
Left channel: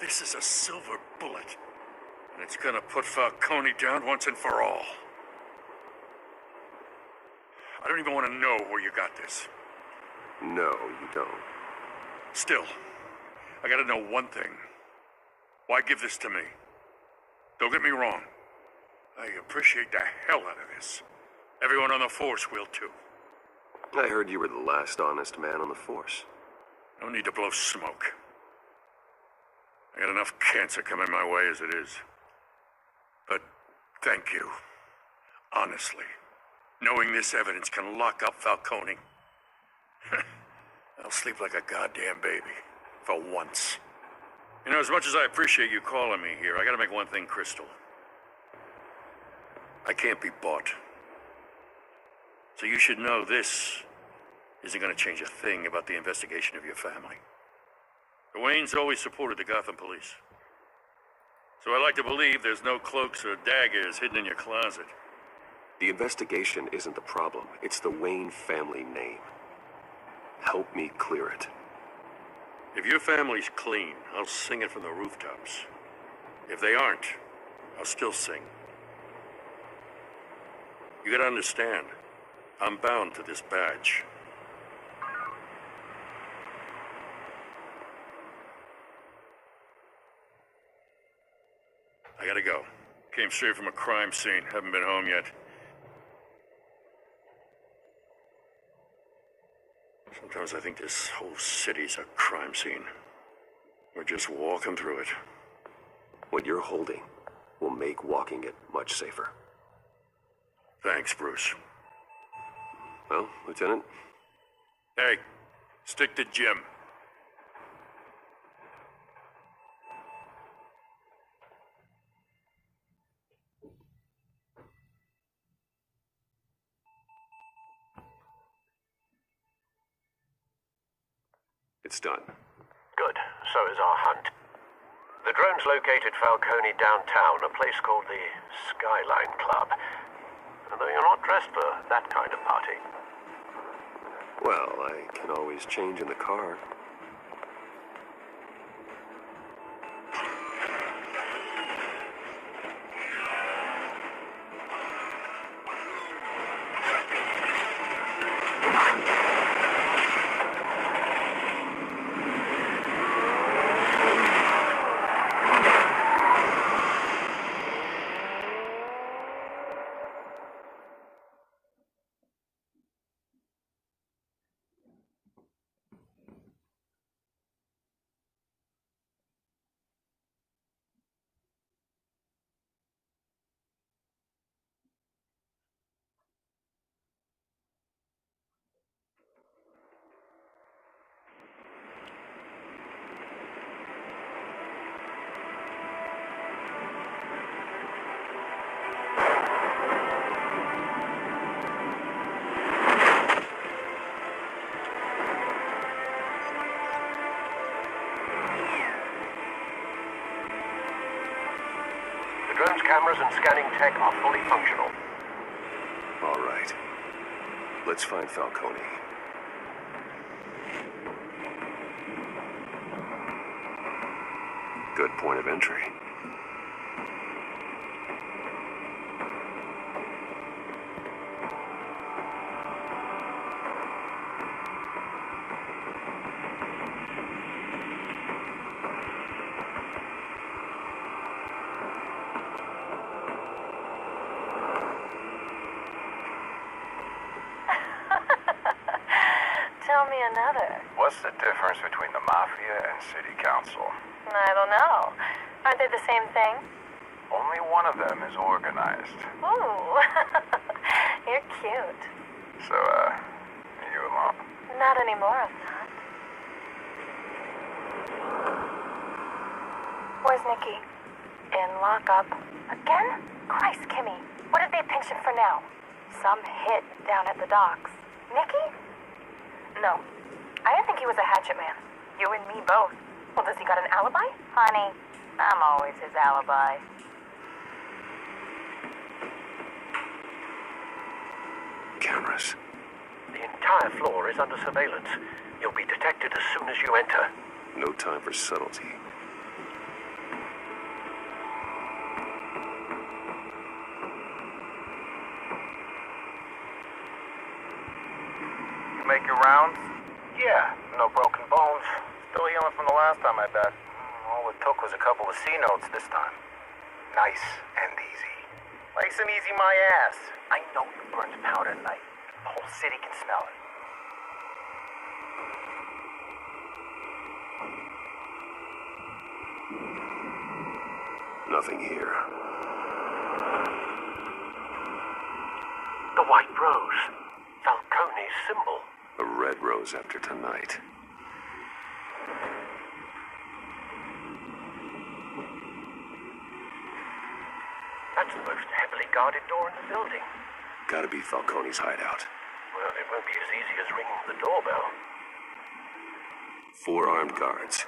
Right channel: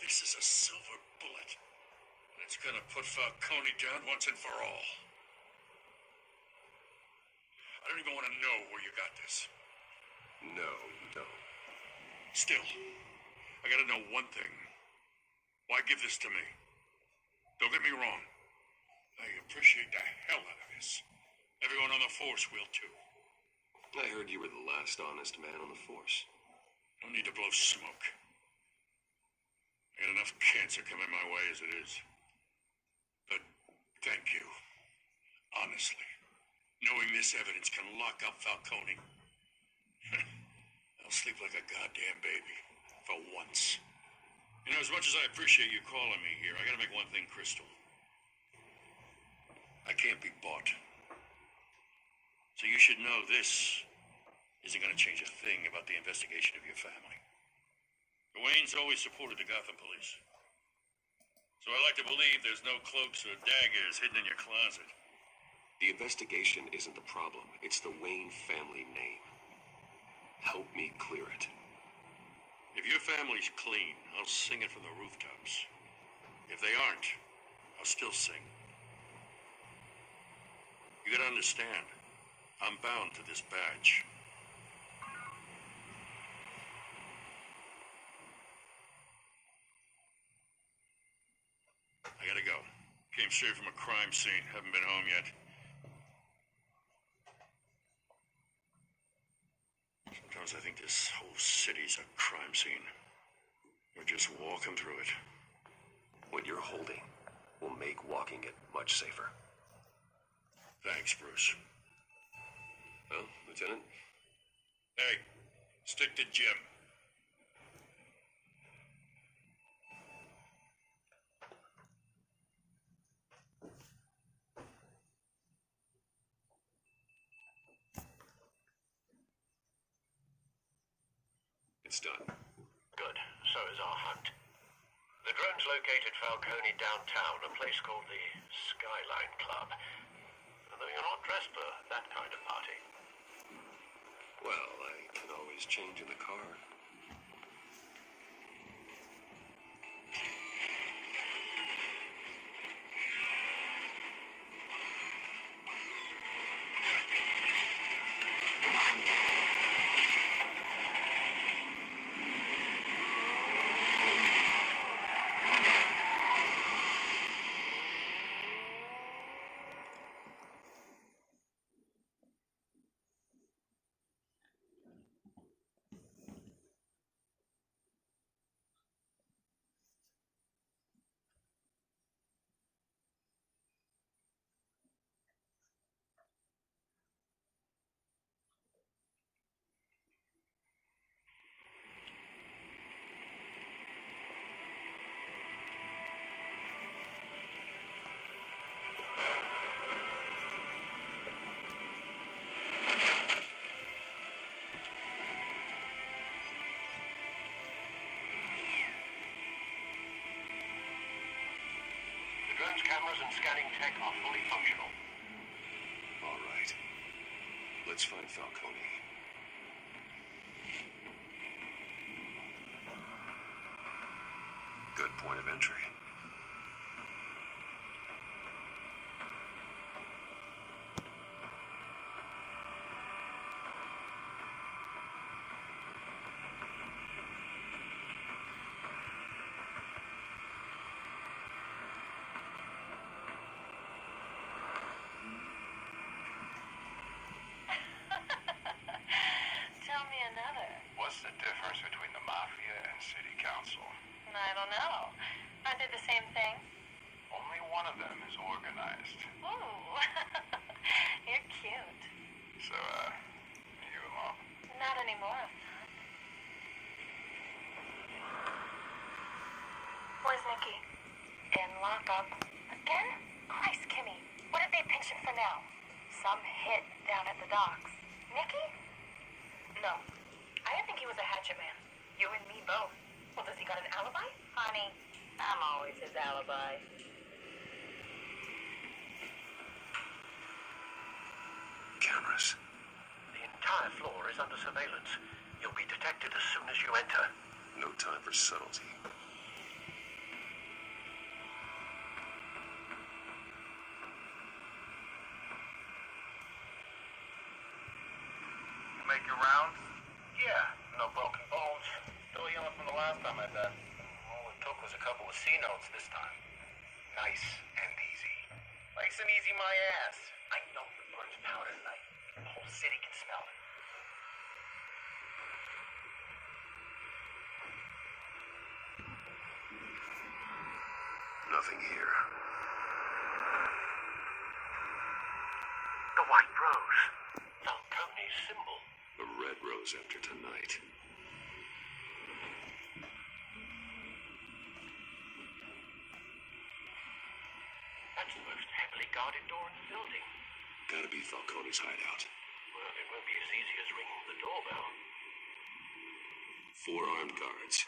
This is a silver bullet. And it's gonna put Falcone down once and for all. I don't even want to know where you got this. No, you don't. Still, I gotta know one thing. Why give this to me? Don't get me wrong. I appreciate the hell out of this. Everyone on the force will too. I heard you were the last honest man on the force. No need to blow smoke. I got enough cancer coming my way as it is. But thank you. Honestly. Knowing this evidence can lock up Falcone. I'll sleep like a goddamn baby. For once. You know, as much as I appreciate you calling me here, I gotta make one thing crystal. I can't be bought. So you should know this isn't gonna change a thing about the investigation of your family. The Waynes always supported the Gotham police. So I like to believe there's no cloaks or daggers hidden in your closet. The investigation isn't the problem. It's the Wayne family name. Help me clear it. If your family's clean, I'll sing it from the rooftops. If they aren't, I'll still sing. You gotta understand, I'm bound to this badge. I gotta go. Came straight from a crime scene. Haven't been home yet. Sometimes I think this whole city's a crime scene. We're just walking through it. What you're holding will make walking it much safer. Thanks, Bruce. Well, Lieutenant? Hey, stick to Jim. It's done. Good. So is our hunt. The drones located Falcone downtown, a place called the Skyline Club. Though you're not dressed for that kind of party. Well, I can always change in the car. Surveillance cameras and scanning tech are fully functional. All right. Let's find Falcone. Good point of entry. Tell me another. What's the difference between the Mafia and City Council? I don't know. Aren't they the same thing? Only one of them is organized. Ooh, you're cute. So, are you alone? Not anymore, I'm not. Where's Nikki? In lockup. Again? Christ, Kimmy. What did they pinch him for now? Some hit down at the docks. Nikki? No. I didn't think he was a hatchet man. You and me both. Well, does he got an alibi? Honey, I'm always his alibi. Cameras. The entire floor is under surveillance. You'll be detected as soon as you enter. No time for subtlety. You make your rounds? Yeah, no broken bones. Still healing from the last time, I bet. All it took was a couple of C notes this time. Nice and easy. Nice and easy, my ass. I know you burned powder at night. The whole city can smell it. Nothing here. The white rose. Falcone's symbol. A red rose after tonight. That's the most heavily guarded door in the building. Gotta be Falcone's hideout. Well, it won't be as easy as ringing the doorbell. 4 armed guards.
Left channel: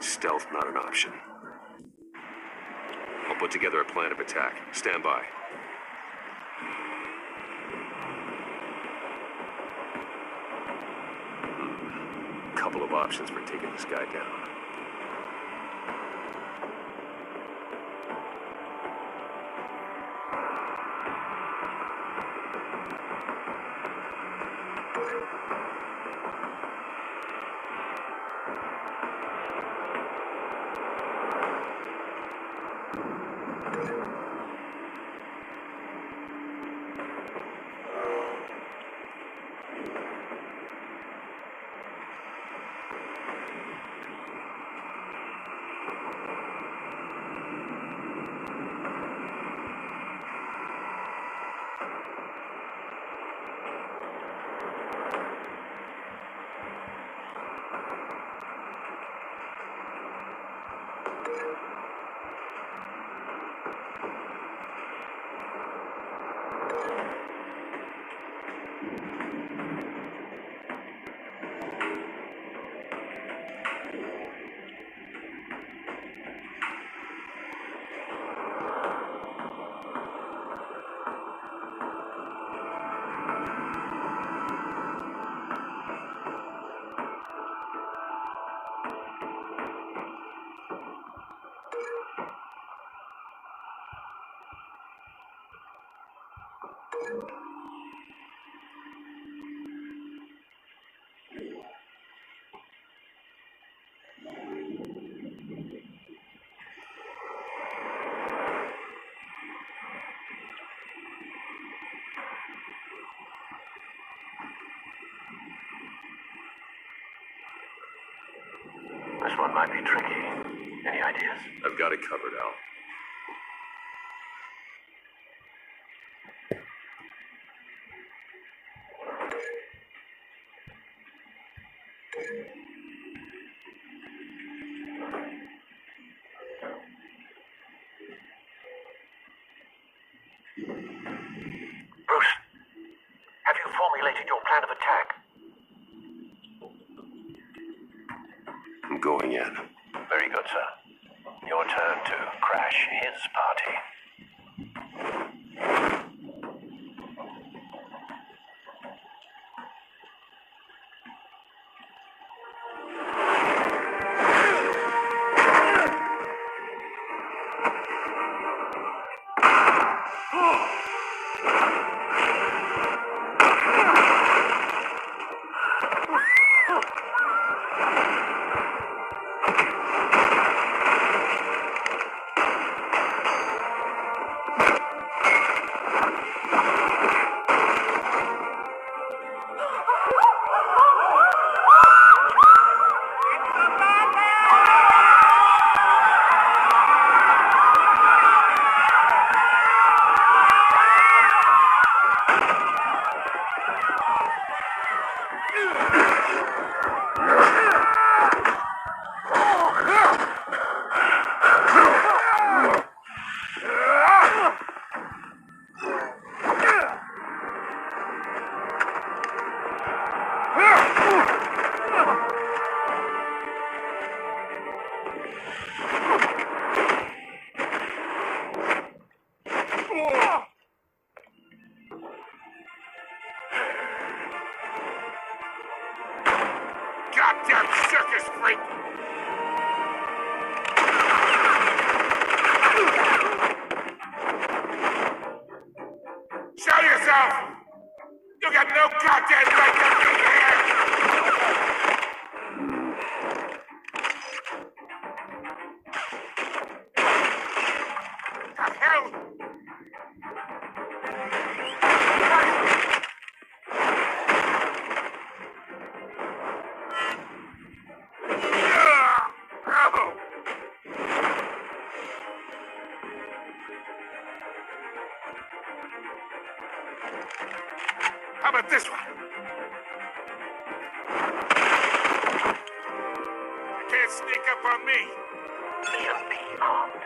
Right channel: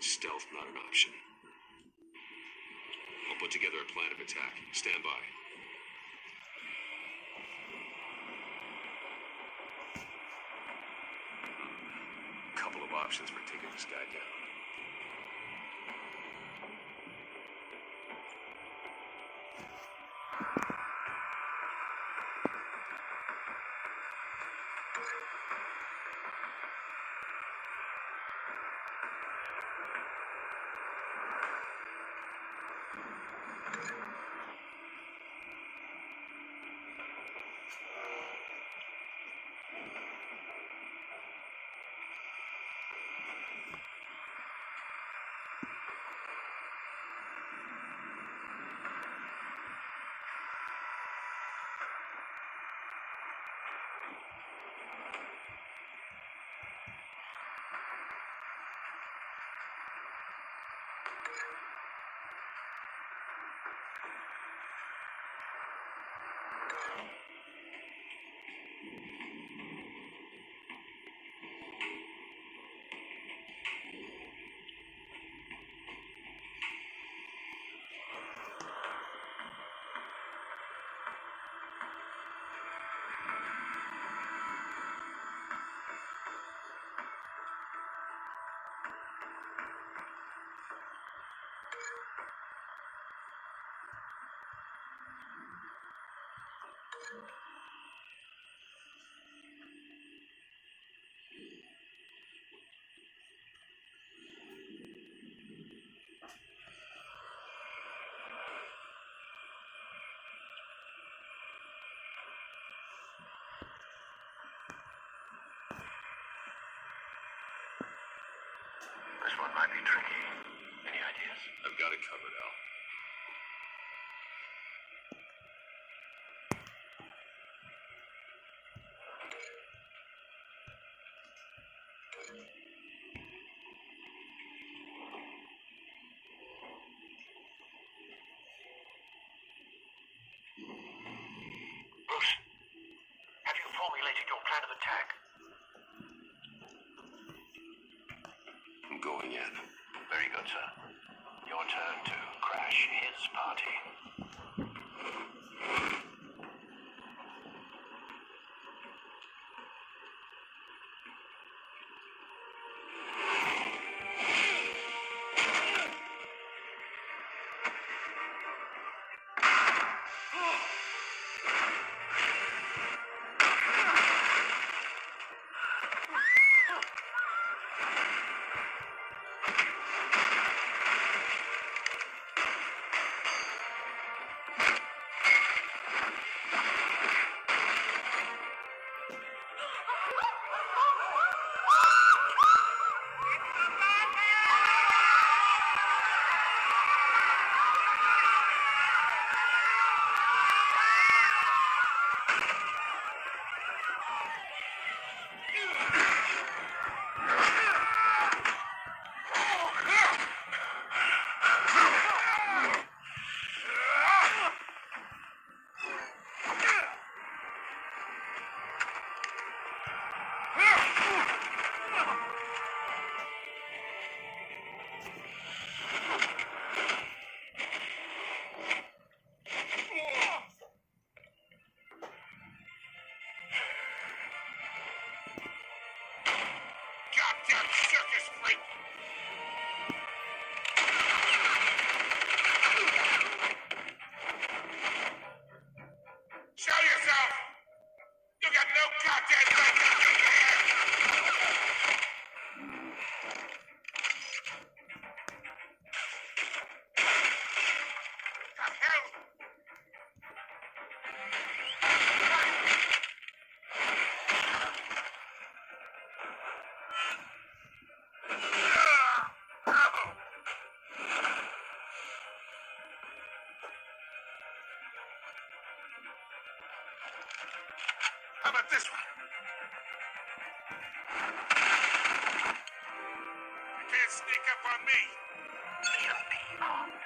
Stealth not an option. I'll put together a plan of attack. Stand by. Couple of options for taking this guy down. This one might be tricky. Any ideas? I've got it covered, Al. Bruce, have you formulated your plan of attack? I'm going in. Very good, sir. turn to crash his party. Goddamn circus freak! Show yourself! You got no goddamn right to be here! The hell? How about this one? You can't sneak up on me. TLP armed.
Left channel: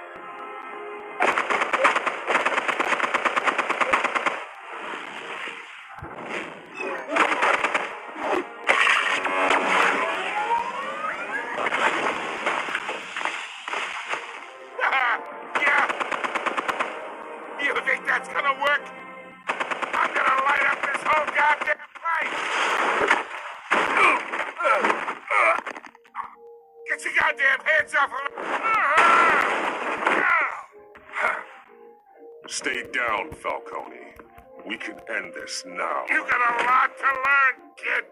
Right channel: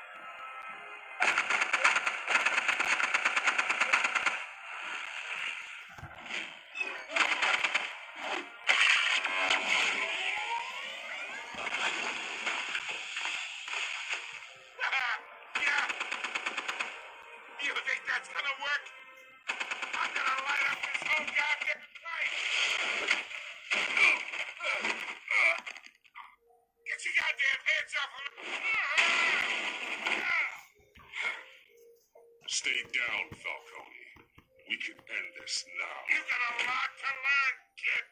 Yeah. You think that's gonna work? I'm gonna light up this whole goddamn place! Get your goddamn hands off of me! Stay down, Falcone. We can end this now. You got a lot to learn, kid!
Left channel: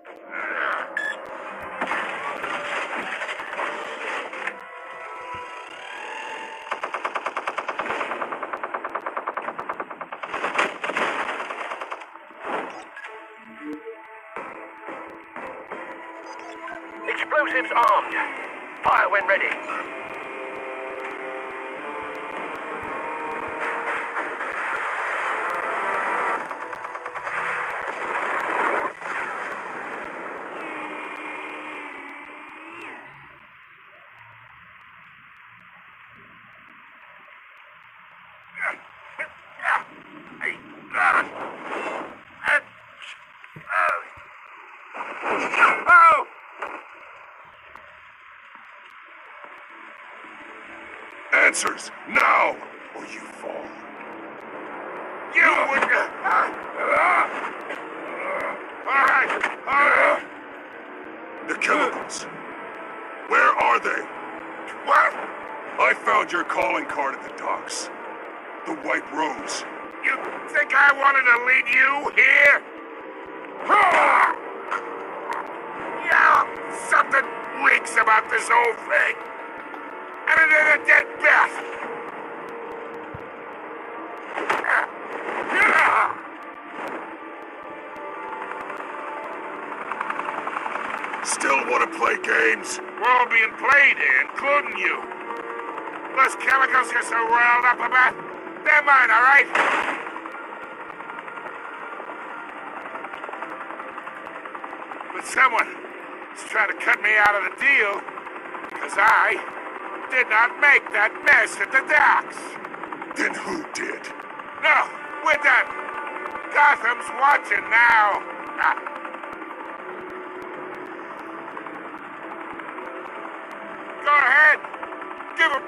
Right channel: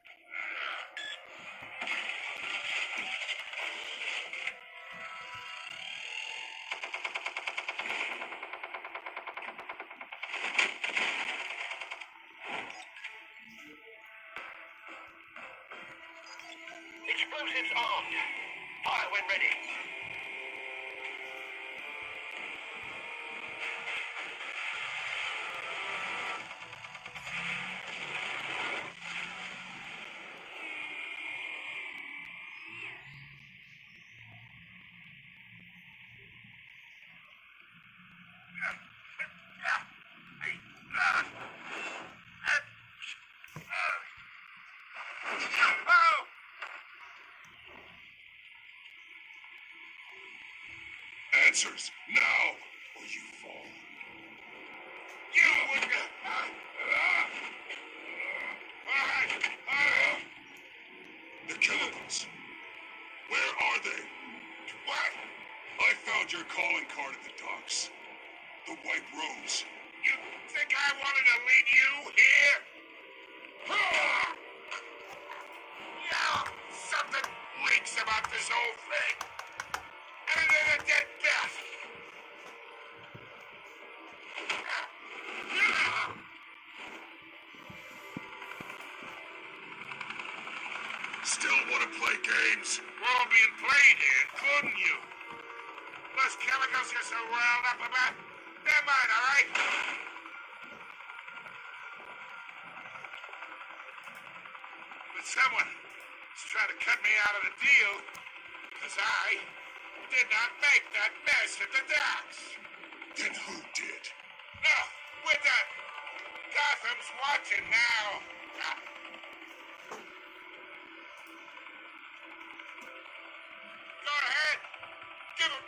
Explosives armed. Fire when ready. Oh! Answers, now, or you fall. You would... All right. The chemicals. Where are they? What? I found your calling card at the docks. The White Rose. You think I wanted to lead you here? Yeah, something reeks about this whole thing. And it ain't a dead bat. Still want to play games? We're all being played here, including you. Those chemicals you're so riled up about, they're mine, all right? But someone is trying to cut me out of the deal because I did not make that mess at the docks. Then who did? No, we're done. Gotham's watching now. Go ahead. Give him...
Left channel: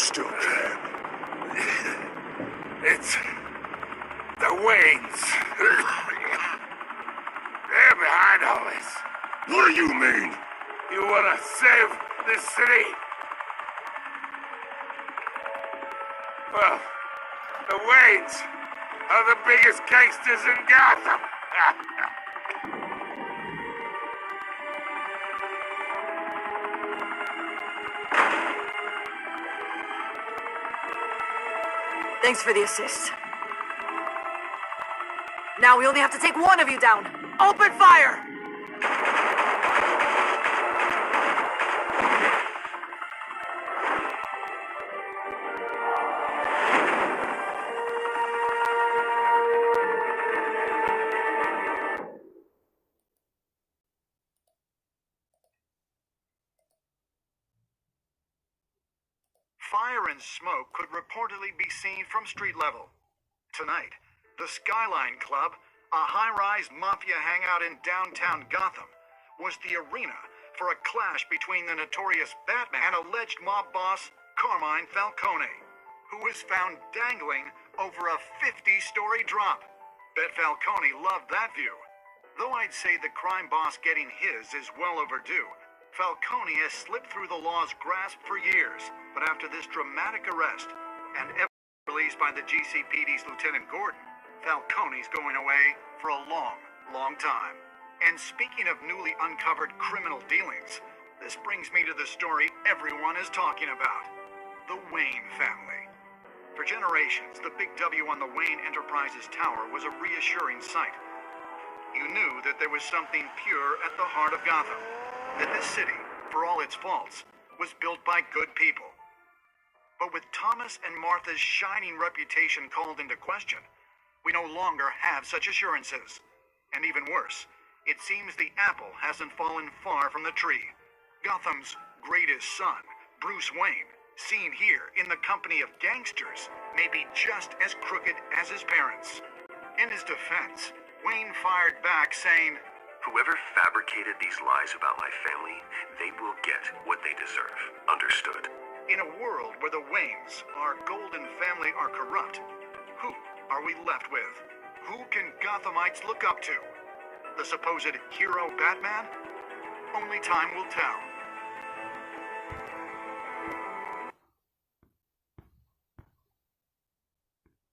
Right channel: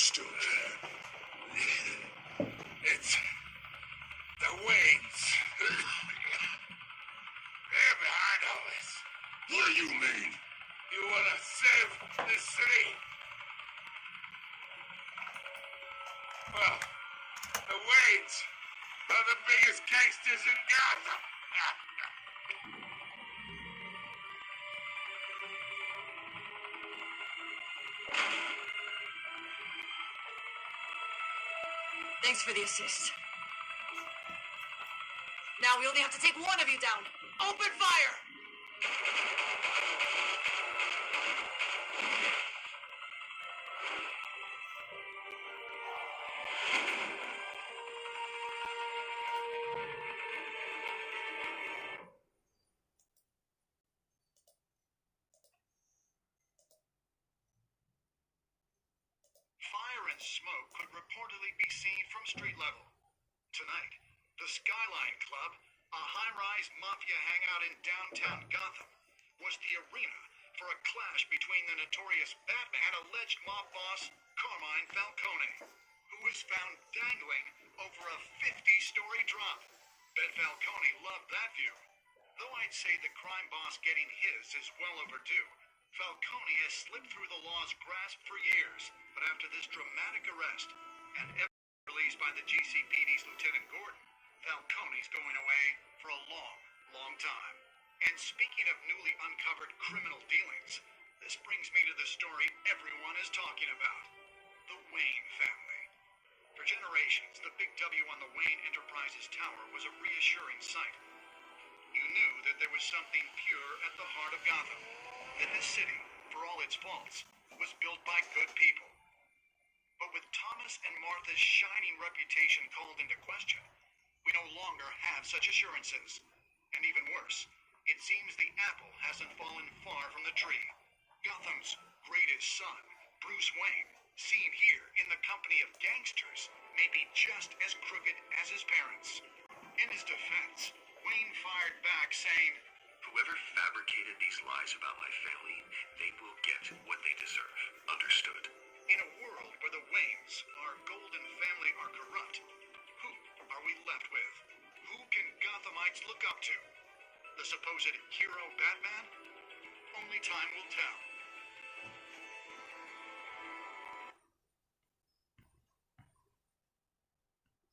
still can. It's the Waynes. They're behind all this. What do you mean? You wanna save this city? Well, the Waynes are the biggest gangsters in Gotham. Thanks for the assist. Now we only have to take one of you down. Open fire! Fire and smoke could reportedly be seen from street level. Tonight, the Skyline Club, a high-rise mafia hangout in downtown Gotham, was the arena for a clash between the notorious Batman and alleged mob boss Carmine Falcone, who was found dangling over a 50-story drop. Bet Falcone loved that view. Though I'd say the crime boss getting his is well overdue, Falcone has slipped through the law's grasp for years, but after this dramatic arrest and released by the GCPD's Lieutenant Gordon, Falcone's going away for a long, long time. And speaking of newly uncovered criminal dealings, this brings me to the story everyone is talking about: the Wayne family. For generations, the big W on the Wayne Enterprises Tower was a reassuring sight. You knew that there was something pure at the heart of Gotham, that this city, for all its faults, was built by good people. But with Thomas and Martha's shining reputation called into question, we no longer have such assurances. And even worse, it seems the apple hasn't fallen far from the tree. Gotham's greatest son, Bruce Wayne, seen here in the company of gangsters, may be just as crooked as his parents. In his defense, Wayne fired back saying, Whoever fabricated these lies about my family, they will get what they deserve. Understood? in a world where the Waynes, our golden family, are corrupt, who are we left with? Who can Gothamites look up to? The supposed hero Batman? Only time will tell.